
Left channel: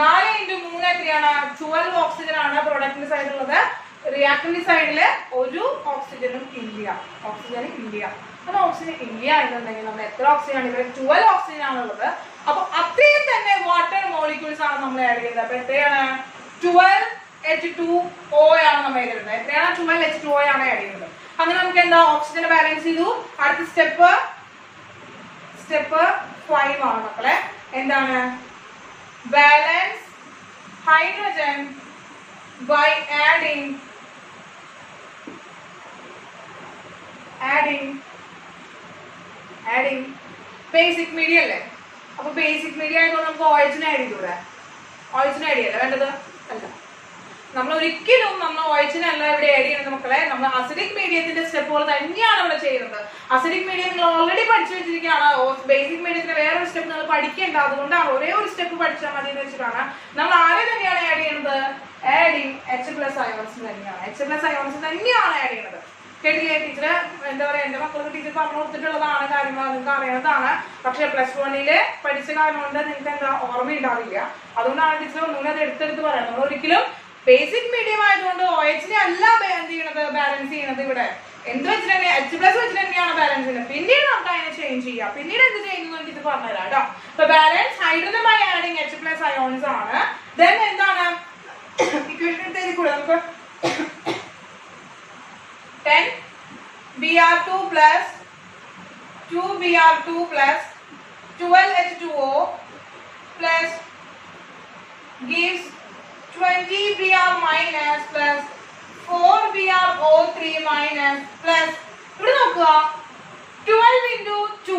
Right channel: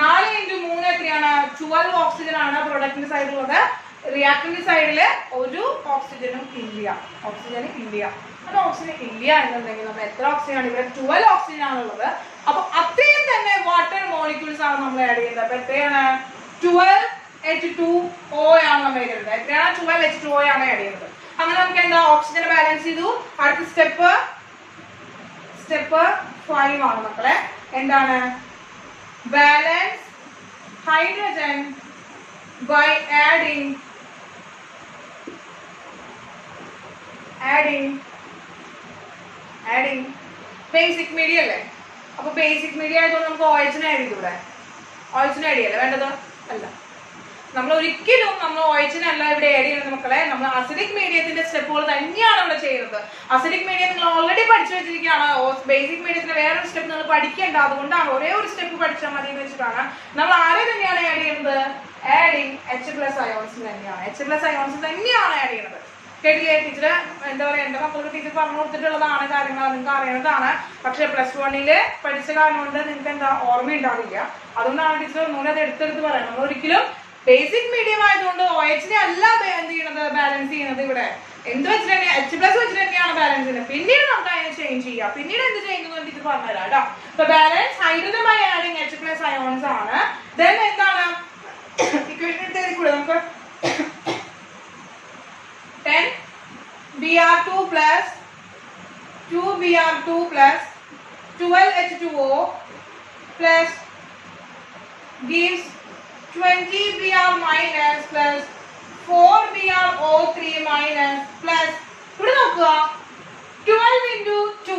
4 × 3 എത്രയാണ് 12 ഓക്സിജൻ ആണ് പ്രൊഡക്റ്റിന്റെ സൈഡിലുള്ളത്. റിയാക്ടറിന്റെ സൈഡില് ഒരു ഓക്സിജനും ഇല്ല. അത് ഓക്സിജൻ ഇല്ല എന്നുണ്ടെങ്കിൽ നമ്മൾ എത്ര ഓക്സിജൻ ആണ് ഇവിടെ 12 ഓക്സിജൻ ആണുള്ളത്. അപ്പൊ അത്രയും തന്നെ വാട്ടർ മോളിക്യൂൾസ് ആണ് നമ്മൾ ആഡ് ചെയ്യുന്നത്. അപ്പൊ എത്രയാണ് 12 H2O ആണ് നമ്മൾ ആഡ് ചെയ്യുന്നത്. എത്രയാണ് 12 H2O ആണ് ആഡ് ചെയ്യുന്നത്. അങ്ങനെ നമുക്ക് എന്താ ഓക്സിജൻ ബാലൻസ് ചെയ്തു. അടുത്ത സ്റ്റെപ്പ് 5 ആണ് മക്കളെ. എന്താണ് balance hydrogen by adding basic media അല്ലേ. അപ്പൊ ബേസിക് മീഡിയ ആയതുകൊണ്ട് നമുക്ക് OH ആഡ് ചെയ്തൂടെ. OH ആഡ് ചെയ്യല്ലേ വേണ്ടത് അല്ല. നമ്മൾ ഒരിക്കലും നമ്മൾ OH അല്ല ഇവിടെ ആഡ് ചെയ്യുന്നത് മക്കളെ. നമ്മൾ അസിഡിക് മീഡിയത്തിന്റെ സ്റ്റെപ്പുകൾ തന്നെയാണ് ഇവിടെ ചെയ്യുന്നത്. അസിഡിക് മീഡിയം നിങ്ങൾ ഓൾറെഡി പഠിച്ചു വെച്ചിരിക്കുകയാണ്. ബേസിക് മീഡിയത്തിന് വേറൊരു സ്റ്റെപ്പ് നിങ്ങൾ പഠിക്കേണ്ട. അതുകൊണ്ടാണ് ഒരേ ഒരു സ്റ്റെപ്പ് പഠിച്ചാൽ മതി എന്ന് വെച്ചിട്ടാണ് നമ്മൾ ആരെ തന്നെയാണ് ആഡ് ചെയ്യുന്നത്. ആഡിങ് H+ അയോൺസ് തന്നെയാണ്. H+ അയോൺസ് തന്നെയാണ് ആഡ് ചെയ്യുന്നത്. കേട്ടില്ലേ ടീച്ചർ? എന്താ പറയാ, എന്റെ മക്കൾക്ക് ടീച്ചർ പറഞ്ഞു കൊടുത്തിട്ടുള്ളതാണ് കാര്യങ്ങൾ, നിങ്ങൾക്ക് അറിയുന്നതാണ്. പക്ഷെ +1 പഠിച്ച കാരണം കൊണ്ട് നിങ്ങൾക്ക് എന്താ ഓർമ്മയുണ്ടാവില്ല. അതുകൊണ്ടാണ് ടീച്ചർ ഒന്നുകൂടെ അത് എടുത്തെടുത്ത് പറയാം. നമ്മൾ ഒരിക്കലും ബേസിക് മീഡിയം ആയതുകൊണ്ട് OH അല്ല എന്ത് ചെയ്യുന്നത് ബാലൻസ് ചെയ്യുന്നത്. ഇവിടെ എന്ത് വെച്ചിട്ട് H+ വെച്ചിട്ട് തന്നെയാണ് ബാലൻസ് ചെയ്യുന്നത്. പിന്നീട് നമുക്ക് അതിനെ ചേഞ്ച് ചെയ്യാം. പിന്നീട് എന്ത് ചെയ്യുന്നു ടീച്ചർ പറഞ്ഞുതരാം കേട്ടോ. അപ്പൊ balance hydrogen by adding H+ ions ആണ്. ദെൻ എന്താണ് ഇക്വേഷൻ എടുത്ത് നമുക്ക് 10 Br2 plus 2 Br2 plus 12 H2O plus gives 20 Br minus plus 4 BrO3 minus plus ഇവിടെ നോക്കുക 12 into 2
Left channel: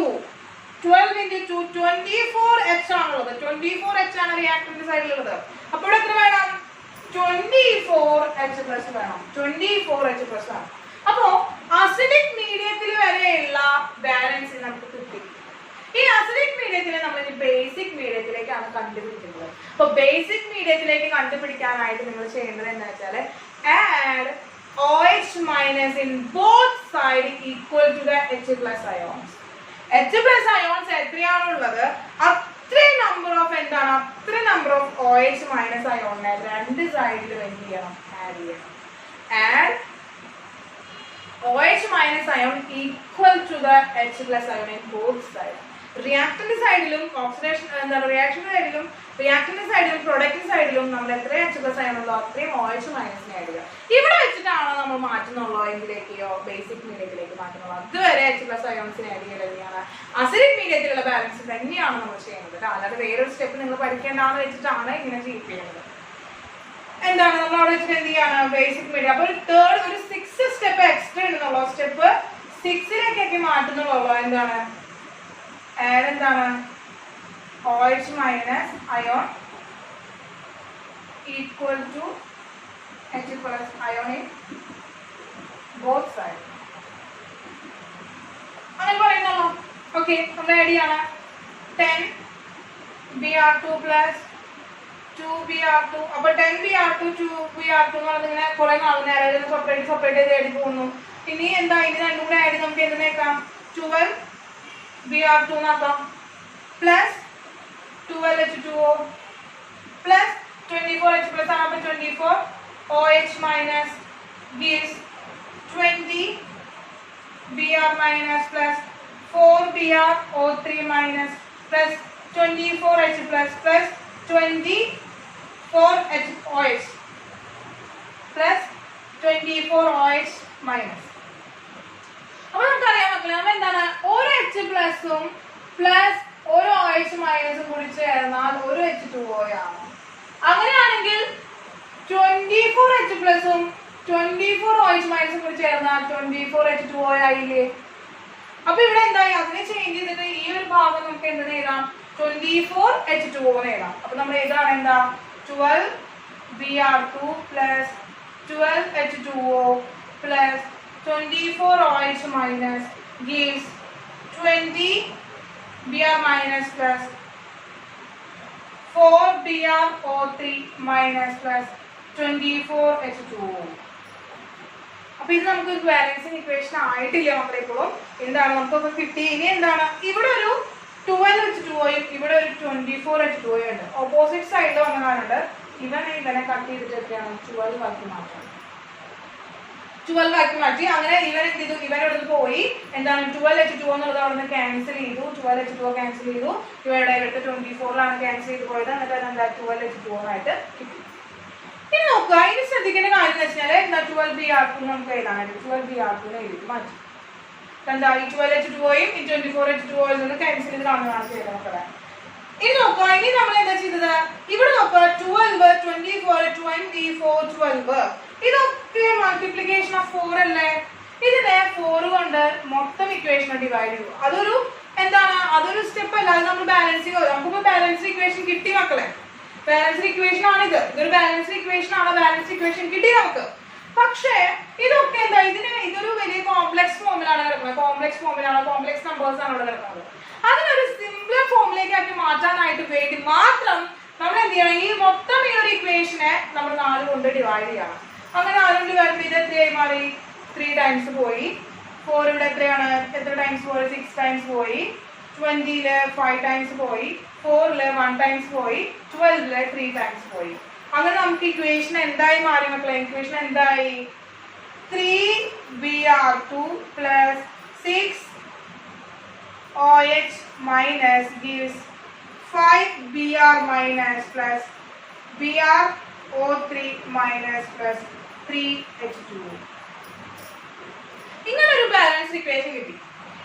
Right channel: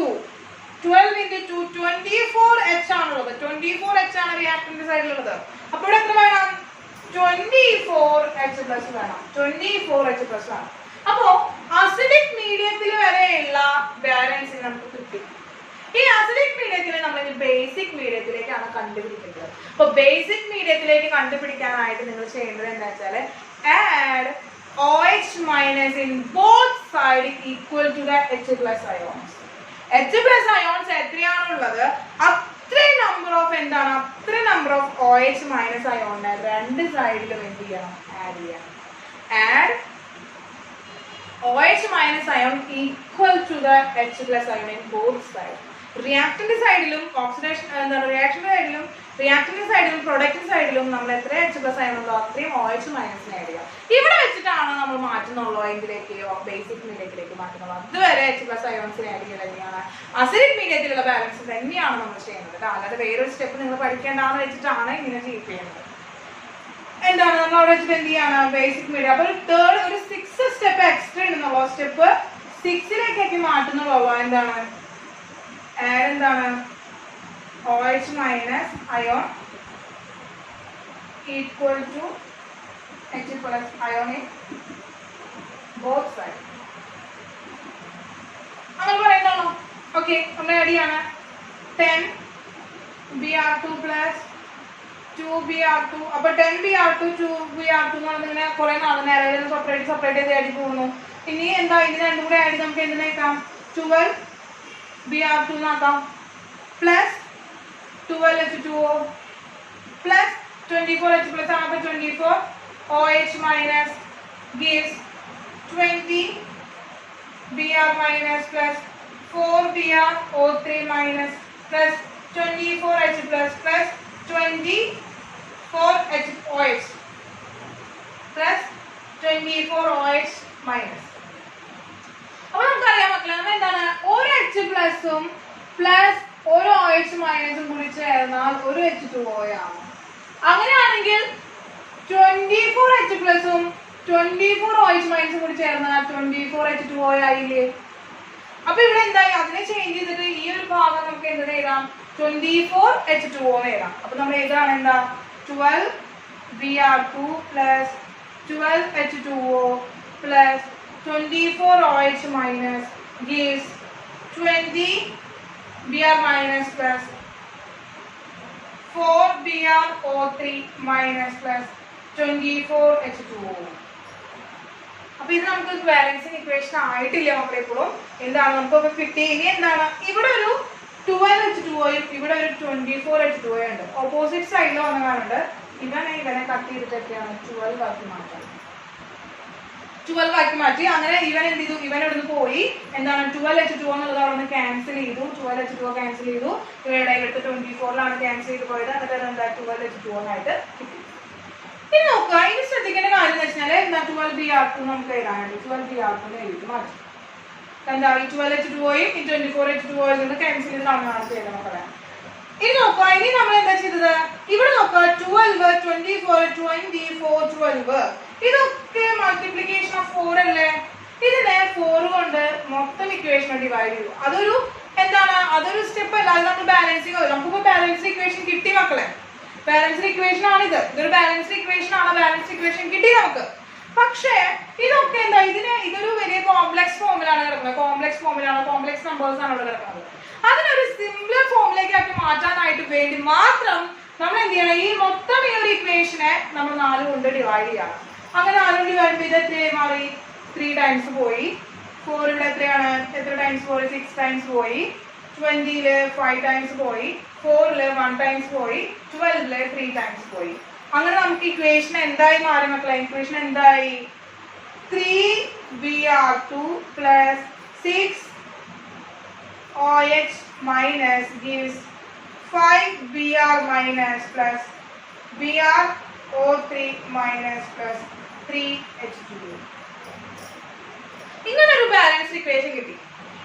24 H ആണുള്ളത്. 24 H ആണ് റിയാക്ടറിന്റെ സൈഡിലുള്ളത്. അപ്പോൾ ഇവിടെ എത്ര വേണം 24 H+ വേണം. 24 H+ ആണ്. അപ്പോ അസിഡിക് മീഡിയത്തിൽ വരെയുള്ള ബാലൻസ് നമുക്ക് കിട്ടി. ഈ അസിഡിക് മീഡിയത്തിലെ നമ്മൾ ബേസിക് മീഡിയത്തിലേക്കാണ് കണ്ടുപിടിക്കുന്നത്. അപ്പൊ ബേസിക് മീഡിയത്തിലേക്ക് കണ്ടുപിടിക്കാനായിട്ട് നിങ്ങൾ ചെയ്യേണ്ടത് എന്താ വെച്ചാൽ add OH minus in both side equal to the H+ ions. H+ ions എത്രയാണുള്ളത് അത്രയും നമ്പർ ഓഫ് എന്താണ് അത്രയും നമ്പർ ഓഫ് OH മൈനസ് അയോണിനെ രണ്ട് സൈഡിലും എന്ത് ചെയ്യണം ആഡ് ചെയ്യണം. Add OH minus ion equal to the H+ ion in both sides. റിയാക്ടറിന്റെ സൈഡിലും oxidation എന്താണ് റിയാക്ടറിന്റെ സൈഡിലും പ്രൊഡക്റ്റിന്റെ സൈഡിലും നമ്മൾ എത്ര H+ ion ഉള്ളോ അത്രയും OH മൈനസ് ആഡ് ചെയ്യുക. ഇവിടെ വെച്ചിട്ടാണ് നമ്മൾ മാറ്റുന്നുള്ളൂ എങ്കിലേക്കോ ബേസിക് മീഡിയത്തിലേക്ക് മാറ്റുന്നുള്ളൂ. അതുവരെ H+ ionsനെ ആഡ് ചെയ്യുന്നത് തന്നെയാണ് അസിഡിക് മീഡിയത്തിലുള്ള ബാലൻസ് തന്നെയാണ് നമ്മൾ ചെയ്യുന്നത്. അല്ലാതെ വേറൊരു സ്റ്റെപ്പ് നിങ്ങൾ പഠിക്കേണ്ടാന്ന് വെച്ചിട്ടാണ് ഇങ്ങനെ ചെയ്യുന്നത്. എന്താണ് നമ്മൾ അവിടെ വെച്ചിട്ട് എന്ത് ചെയ്യാണ് ബേസിക് മീഡിയ. അപ്പൊ ഒരു 6 സ്റ്റെപ്പ് എക്സ്ട്രാ ഇടുന്നുള്ളൂ. സ്റ്റെപ്പ് 6 മാറ്റുന്നുള്ളൂ. എന്താണ് ആഡ് എന്താണ് OH minus ion equal to H+ ion in both sides. അങ്ങനെ പറയുന്നുള്ളൂ. ഓക്കെ നമ്മൾ ആഡ് ചെയ്യാണ് 10 Br2 plus 2 Br2. അപ്പൊ 10 Br2 2 Br2 എന്ന് പറഞ്ഞാൽ ഇങ്ങനെ കുറെ നേരം സെപ്പറേറ്റ് ചെയ്ത് ആഡ് പോകുന്നു. ഇനി എന്താ ഇത് രണ്ടും കൂടെ ആഡ് നമുക്ക് എന്തിനേക്കാം 12 Br2 എന്നാക്കാം plus 12 H2O plus 24 H+ ആണ്. അപ്പൊ 24 OH minus gives 20 Br minus plus 4 BrO3 minus plus 24H plus 24HOH plus 24OH minus. അപ്പോൾ നമുക്കറിയാം മക്കളെ, നമ്മൾ എന്താണ് ഒരു H പ്ലസും പ്ലസ് ഒരു OH മൈനസും കൂടി ചേർന്നാൽ ഒരു H2O ആണ്. അങ്ങനെയാണെങ്കിൽ 24H പ്ലസും 24OH മൈനസും കൂടി ചേർന്നാൽ 24H2O ആയില്ലേ? അപ്പൊ ഇവിടെ എന്തായി, അതിനെ ചേഞ്ച് ചെയ്തിട്ട് ഈ ഒരു ഭാഗം നമുക്ക് എന്ത് എഴുതാം, 24H2O എന്ന് എഴുതാം. അപ്പൊ നമ്മൾ ഏതാണ് എന്താ 12Br2 plus 12H2O plus 24OH minus gives 20Br minus plus 4BrO3 minus plus 24H2O. അപ്പൊ ഇത് നമുക്ക് ബാലൻസിങ് ഇക്വേഷൻ ആയിട്ടില്ല മക്കളെ. ഇപ്പോഴും എന്താണ് നമുക്ക് കിട്ടി, ഇനി എന്താണ് ഇവിടെ ഒരു 12H2Oയും ഇവിടെ ഒരു 24H2O ഉണ്ട്. ഓപ്പോസിറ്റ് സൈഡിൽ വന്നതാണ്. ഇവനെ കട്ട് ചെയ്തിട്ട് എത്രയാണ് 12 ആക്കി മാറ്റാം. 12 ആക്കി മാറ്റി. അങ്ങനെ ഇവൻ എന്ത് ചെയ്തു, ഇവൻ ഇവിടുന്ന് പോയി എന്താണ് 12H2O എന്നുള്ളത് അവിടെ നിന്ന് ക്യാൻസൽ ചെയ്തു. 12H2O ക്യാൻസൽ ചെയ്തു. ഇവയുടെ ഇവിടുത്തെ 24ലാണ് ക്യാൻസൽ ചെയ്ത് പോയത്. എന്നിട്ട് എന്താ 12H2O ആയിട്ട് കിട്ടി. ഇനി നോക്കുക, ഇനി ശ്രദ്ധിക്കേണ്ട കാര്യം എന്ന് വെച്ചാൽ എന്താ 12Br2 നമുക്ക് എഴുതാനായിട്ട് 12Br2 എഴുതി മാറ്റി. എന്താ ഈ 12H2Oയും ഈ 24H2Oയിൽ നിന്ന് ക്യാൻസൽ ചെയ്ത് കാണുന്നതാണ് ചെയ്തത് മക്കളെ. ഇനി നോക്കുക, ഇനി നമ്മൾ എന്താ ചെയ്തത്, ഇവിടെ നോക്കുക 12, 24, 24, 12 ഇതൊക്കെ മൾട്ടിപ്ലിക്കേഷൻ ഓഫ് 4 അല്ലേ? ഇതിനെ 4 കൊണ്ട് മൊത്തം ഇക്വേഷൻ ഡിവൈഡ് ചെയ്തു. അതൊരു എന്താണ്, അതൊരു സ്റ്റെപ്പ് അല്ല, അത് നമ്മൾ ബാലൻസിങ്. നമുക്കിപ്പോ ബാലൻസ് ഇക്വേഷൻ കിട്ടി മക്കളെ. ബാലൻസ് ഇക്വേഷൻ ആണിത്. ഇതൊരു ബാലൻസ് ഇക്വേഷൻ ആണ്. ബാലൻസ് ഇക്വേഷൻ കിട്ടി നമുക്ക്. പക്ഷേ ഇതൊക്കെ എന്താ, ഇതൊരു വലിയ കോംപ്ലക്സ് ഫോമിലാണ് കിടക്കുന്നത്. കോംപ്ലക്സ് ഫോമിലാണ്, കോംപ്ലക്സ് നമ്പേഴ്സ് ആണ് ഇവിടെ കിടക്കുന്നത്. അതിനൊരു സിംപ്ലർ ഫോമിലേക്ക് ആക്കി മാറ്റാനായിട്ട് വേണ്ടി മാത്രം നമ്മൾ എന്ത് ചെയ്യണം, ഈ മൊത്തം ഈ ഒരു ഇക്വേഷനെ നമ്മൾ 4 കൊണ്ട് ഡിവൈഡ് ചെയ്യണം. അങ്ങനെ 4 കൊണ്ട് ഡിവൈഡ് ചെയ്ത് എത്രയായി മാറി, 3 ടൈംസ് പോയി. 4 ഇവിടെ എത്രയാണ്, എത്ര ടൈംസ് പോയി, 6 ടൈംസ് പോയി. 20 5 ടൈംസ് പോയി. 4 1 ടൈംസ് പോയി. 12 3 ടൈംസ് പോയി. അങ്ങനെ നമുക്ക് ഇക്വേഷൻ എന്തായി മാറി മക്കളെ, ഇക്വേഷൻ എന്തായി 3Br2 plus 6OH minus gives 5Br minus plus BrO3 minus plus 3H2O. ഇങ്ങനൊരു ബാലൻസ് ഇക്വേഷൻ കിട്ടി.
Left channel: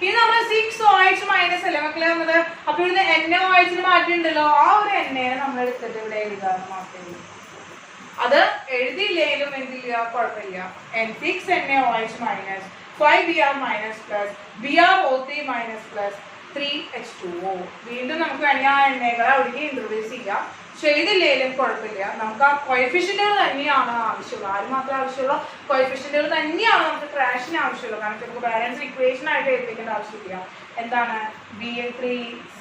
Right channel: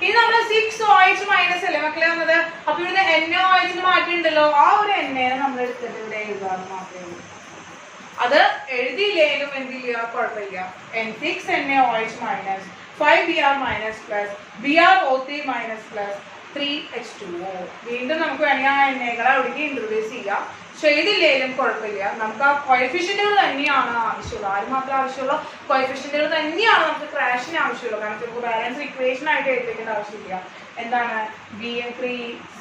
ഇത് നമ്മൾ 6OH മൈനസ് അല്ലേ മക്കളെ വന്നത്. അപ്പൊ ഇവിടെ NaOH മാറ്റിയിട്ടുണ്ടല്ലോ, ആ ഒരു എന്നെ നമ്മൾ എടുത്തിട്ട് ഇവിടെ എഴുതാന്ന് മാത്രമേ ഉള്ളൂ. അത് എഴുതിയില്ലേലും എന്ത് ചെയ്യുക, കുഴപ്പമില്ല. 6NaOH minus 5Br minus plus BrO3 minus plus 3H2O. വീണ്ടും നമുക്ക് വേണമെങ്കിൽ ആ എണ്ണകളെ ഒഴുകി ഇൻട്രൊഡ്യൂസ് ചെയ്യാം. ചെയ്തില്ലേലും കുഴപ്പമില്ല. നമുക്ക് ആ കോഎഫിഷ്യന്റുകൾ തന്നെയാണ് ആവശ്യമുള്ളൂ. ആര് മാത്രം ആവശ്യമുള്ള കോഎഫിഷ്യന്റുകൾ തന്നെയാണ് നമുക്ക് ക്രാഷിന് ആവശ്യമുള്ളൂ. കാരണം നമുക്ക് ബാലൻസ് ഇക്വേഷൻ ആയിട്ട് എഴുതിക്കേണ്ട ആവശ്യമില്ല. എന്താണ് BA3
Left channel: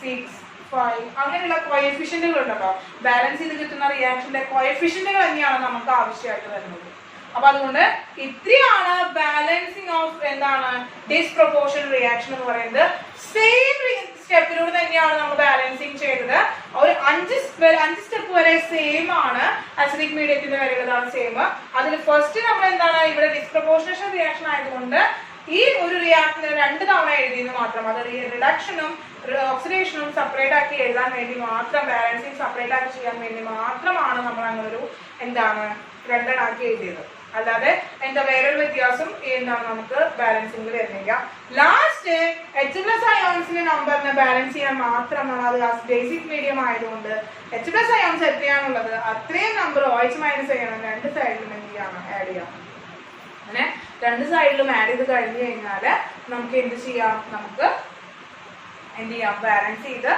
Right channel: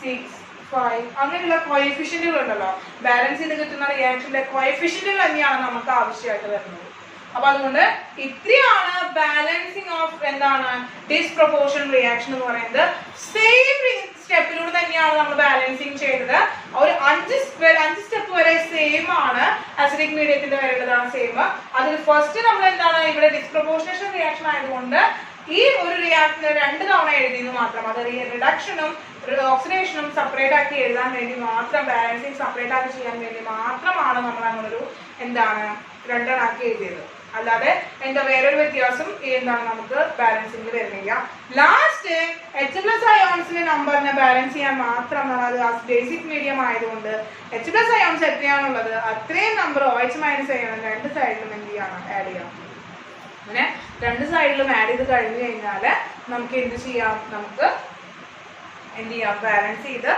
6 5 അങ്ങനെയുള്ള കോഎഫിഷ്യന്റുകൾ ഉണ്ടല്ലോ, ബാലൻസ് ചെയ്ത് കിട്ടുന്ന റിയാക്ഷന്റെ കോഎഫിഷ്യന്റുകൾ തന്നെയാണ് നമുക്ക് ആവശ്യമായിട്ട് വരുന്നത്. അപ്പൊ അതുകൊണ്ട് ഇത്രയാണ് ബാലൻസിങ് ഓഫ് എന്താണ് ഡിസ്പ്രൊപ്പോർഷൻ റിയാക്ഷൻ എന്ന് പറയുന്നത്. സെയിം സ്റ്റെപ്പിലൂടെ തന്നെയാണ് നമ്മൾ ബാലൻസിങ് ചെയ്തത്. ഒരു 5 സ്റ്റെപ്പ് വരെ സെയിം ആണ്. അസിഡിക് മീഡിയത്തിന്റെ വരെയുള്ളതാണ് സെയിം. അതിൽ ഫസ്റ്റ് നമ്മൾ എന്താണ് ഇവിടെ ഡിസ്പ്രൊപ്പോർഷനേഷൻ റിയാക്ഷൻ ആയതുകൊണ്ട് ഈ ഒരു റിയാക്ഷനെ 2 തവണ എഴുതിയെന്ന് മാത്രം. അത് റിഡക്ഷനും ഓക്സിഡേഷനും സെപ്പറേറ്റ് ആക്കി എഴുതാൻ വേണ്ടി മാത്രം, ബാലൻസിങ് സെപ്പറേറ്റ് ആക്കി ചെയ്യാൻ വേണ്ടി മാത്രമാണ് നമ്മൾ അങ്ങനൊരു എന്താണ് 2 ആക്കി എഴുതിയത്. അല്ലാതെ എന്താ വേറൊരു വ്യത്യാസം എന്താണ് നമുക്ക് ബാലൻസിംഗ് വരുന്നില്ല. ലാസ്റ്റ് H+ അയോൺസിന്റെ നമ്പറിനെ ബാലൻസ് ചെയ്യാൻ മാത്രം നമ്മൾ ബേസിക് മീഡിയം ആയതുകൊണ്ട് H+ അയോൺസ് എത്രയാണുള്ളത് അത്രയും നമ്പർ OH മൈനസ് ചെയ്യണം. 2 സൈഡിലും എന്ത് ചെയ്യണം, ആഡ് ചെയ്യാം. അങ്ങനെ 2 സൈഡിലും ആഡ് ചെയ്ത് കഴിഞ്ഞു കഴിഞ്ഞാൽ നമുക്ക് എന്ത് ചെയ്യാം, നമുക്ക് എന്ത് ചെയ്യാം, ബാലൻസ് ചെയ്ത്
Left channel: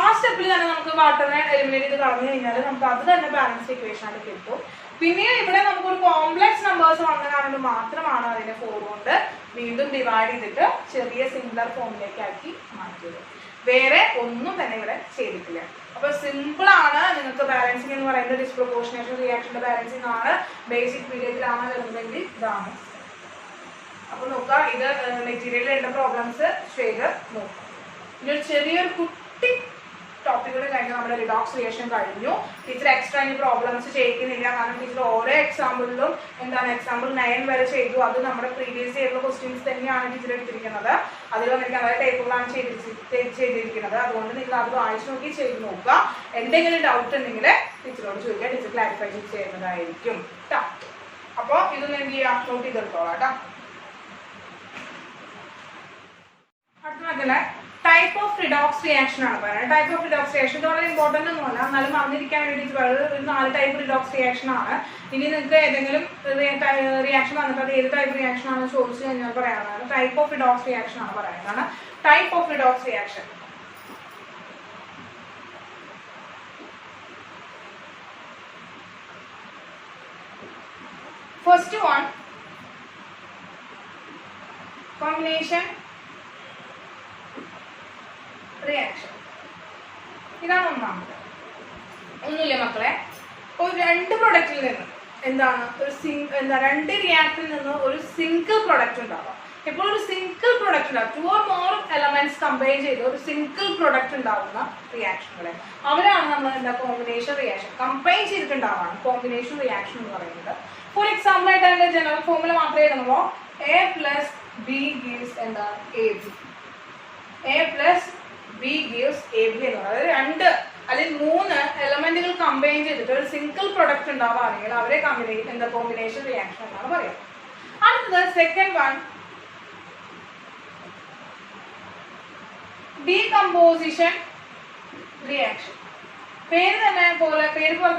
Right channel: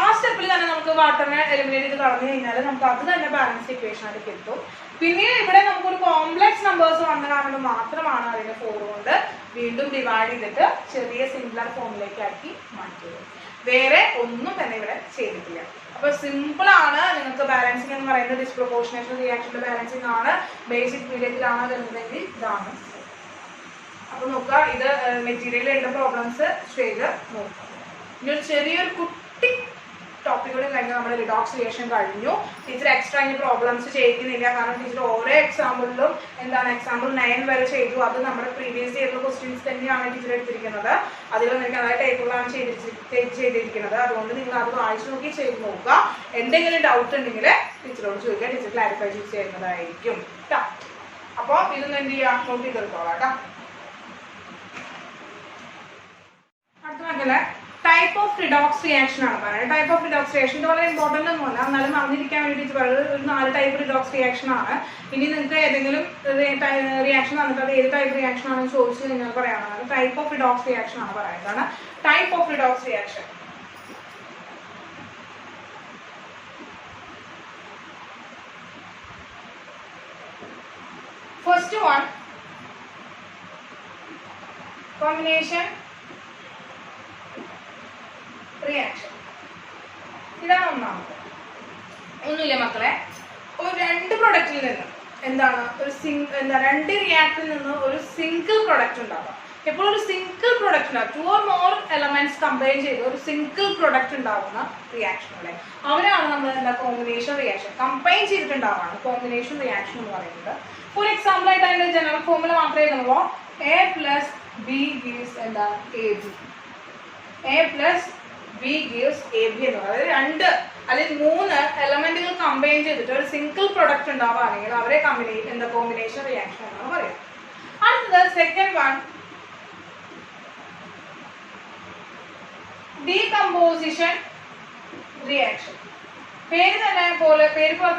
ആ സ്റ്റെപ്പിൽ തന്നെ നമുക്ക് വാട്ടറിനെ എലിമിനേറ്റ് ചെയ്ത് കളഞ്ഞു കഴിഞ്ഞാൽ നമുക്ക് അത് തന്നെ ബാലൻസ് ഇക്വേഷൻ ആയിട്ട് കിട്ടും. പിന്നീട് ഇവിടെ നമുക്കൊരു കോംപ്ലക്സ് നമ്പേഴ്സ് വന്ന കാരണം മാത്രമാണ് അതിനെ 4 കൊണ്ട് വീണ്ടും ഡിവൈഡ് ചെയ്തിട്ട് ചെറിയ സിംപ്ലർ ഫോമിലേക്ക് ആക്കി മാറ്റിയത്. വേറെ ഒന്നും തന്നെ ഇവിടെ ചെയ്തിട്ടില്ല. അപ്പൊ സിമ്പിൾ ആണ്. നിങ്ങൾക്ക് ബാലൻസിംഗ് എന്ന് പറയുന്നത് ഡിസ്പ്രൊപ്പോർഷനേഷൻ റിയാക്ഷന്റെ ബാലൻസിംഗ് ആണ്. ബേസിക് പീരിയഡിലാണ് വരുന്നതെങ്കിൽ ഇതാണ്. അപ്പൊ നോക്കുക, ഇത് മെറ്റീരിയലിൽ ഉള്ള പ്രോബ്ലംസ് ചെയ്ത് നോക്കാം. ഇനി ചെറിയൊരു കുട്ടി ടോപ്പിക്കൂടെ കഴിഞ്ഞ് നമ്മുടെ റിഡോക്സ് റിയാക്ഷൻ കഴിഞ്ഞു. ടീച്ചർ എക്സ്ട്രാ ഇനി പ്രോബ്ലംസ് ചെയ്യിക്കുന്നില്ല, കാരണം ടീച്ചർ ഓരോ എക്സാമ്പിളിലും എന്താണ് എക്സാമ്പിൾ 9 വരെ ചെയ്തു. അത് നമ്മുടെ പ്രീവിയസ് ഇയറിലെ ക്വസ്റ്റ്യൻസ് തന്നെയാണ് ടീച്ചർ എടുത്തിരിക്കുന്നത്. അതിലൊന്നും അതേ ടൈപ്പിലാണ് ചെയ്തിരിക്കുന്നത്. അതുകൊണ്ട് നിങ്ങൾ അത് വായിച്ചു നോക്കി ചെയ്ത് നോക്കുക. എന്തെങ്കിലും ഡൗട്ട് ഉണ്ടെങ്കിൽ ടീച്ചറോട് ചോദിക്കുക, ടീച്ചർ ക്ലാരിഫൈ ചെയ്ത് തരുന്നതായിരിക്കും കേട്ടോ. അപ്പോൾ ഇതൊന്നും എന്ത് ചെയ്യുക, നോട്ട് ചെയ്തെടുത്തോളാം കേട്ടോ. അടുത്ത മക്കളെ ടൈപ്പ് ഓഫ് റിഡോക്സ് റിയാക്ഷൻ ആണ് പറയുന്നത്. ടൈപ്പ് ഓഫ് റിഡോക്സ് റിയാക്ഷൻ ഇത് വളരെ ഇമ്പോർട്ടന്റ് ഒന്നുമല്ല, എന്നാലും അറിഞ്ഞിരിക്കാൻ വേണ്ടിയിട്ട് ഒരു 4 ടൈപ്പ് റിഡോക്സ് റിയാക്ഷൻ ആണ്. ഇനി നിങ്ങൾക്ക് ഏതെങ്കിലും റിയാക്ഷൻ വന്നിട്ട് അത് ഏത് ടൈപ്പ് റിയാക്ഷൻ ആണെന്ന് ചോദിച്ചു കഴിഞ്ഞാൽ പറയാവുന്നതാണ്. ടൈപ്പ് ഓഫ് റിഡോക്സ് റിയാക്ഷൻ ആണ് പറയുന്നതാണ്. Type of redox reaction first one combination reaction. ഇതാണ് ഒന്നാമത്. ഒന്നുമില്ല മക്കളെ, ഒരു 2 പ്രൊഡക്റ്റിൽ നിന്ന് എന്താണ് രണ്ട് റിയാക്ടറിൽ നിന്ന് ഒരു സിംഗിൾ പ്രൊഡക്റ്റ് ഉണ്ടാവാം. ഇപ്പോൾ ഒരു സിംഗിൾ പ്രൊഡക്റ്റ് ഉണ്ടാവും, 2 or more എലമെന്റ്സ് കമ്പൈൻ ചെയ്ത് ഒരു സിംഗിൾ പ്രൊഡക്റ്റ് ഉണ്ടാവുന്ന റിയാക്ഷനുകളെ അവരാണ് നമ്മൾ എന്താ കോമ്പിനേഷൻ റിയാക്ഷൻ. കമ്പൈൻ ചെയ്തിട്ടുണ്ടാവാണ് കോമ്പിനേഷൻ റിയാക്ഷൻ എന്ന് പറയുന്നത്. ഫോർ എക്സാമ്പിൾ ആയിട്ട് അതിന്റെ ജനറൽ ഫോർമുല മാത്രമേ എഴുതുമ്പോൾ A plus B gives എന്താ AB. A plus B gives AB എന്ന് പറയുന്നത് 2 അല്ലെങ്കിൽ 3 എലമെന്റുകൾ കമ്പൈൻ ചെയ്തിട്ട് ഒരു സിംഗിൾ പ്രൊഡക്റ്റ് ഉണ്ടാവുകയാണെങ്കിൽ അവരെ കോമ്പിനേഷൻ റിയാക്ഷൻ എന്നാണ് പറയുന്നത്. അടുത്തത് സെക്കൻഡ് വൺ ഡീകമ്പോസിഷൻ റിയാക്ഷൻ. പേര് പോലെ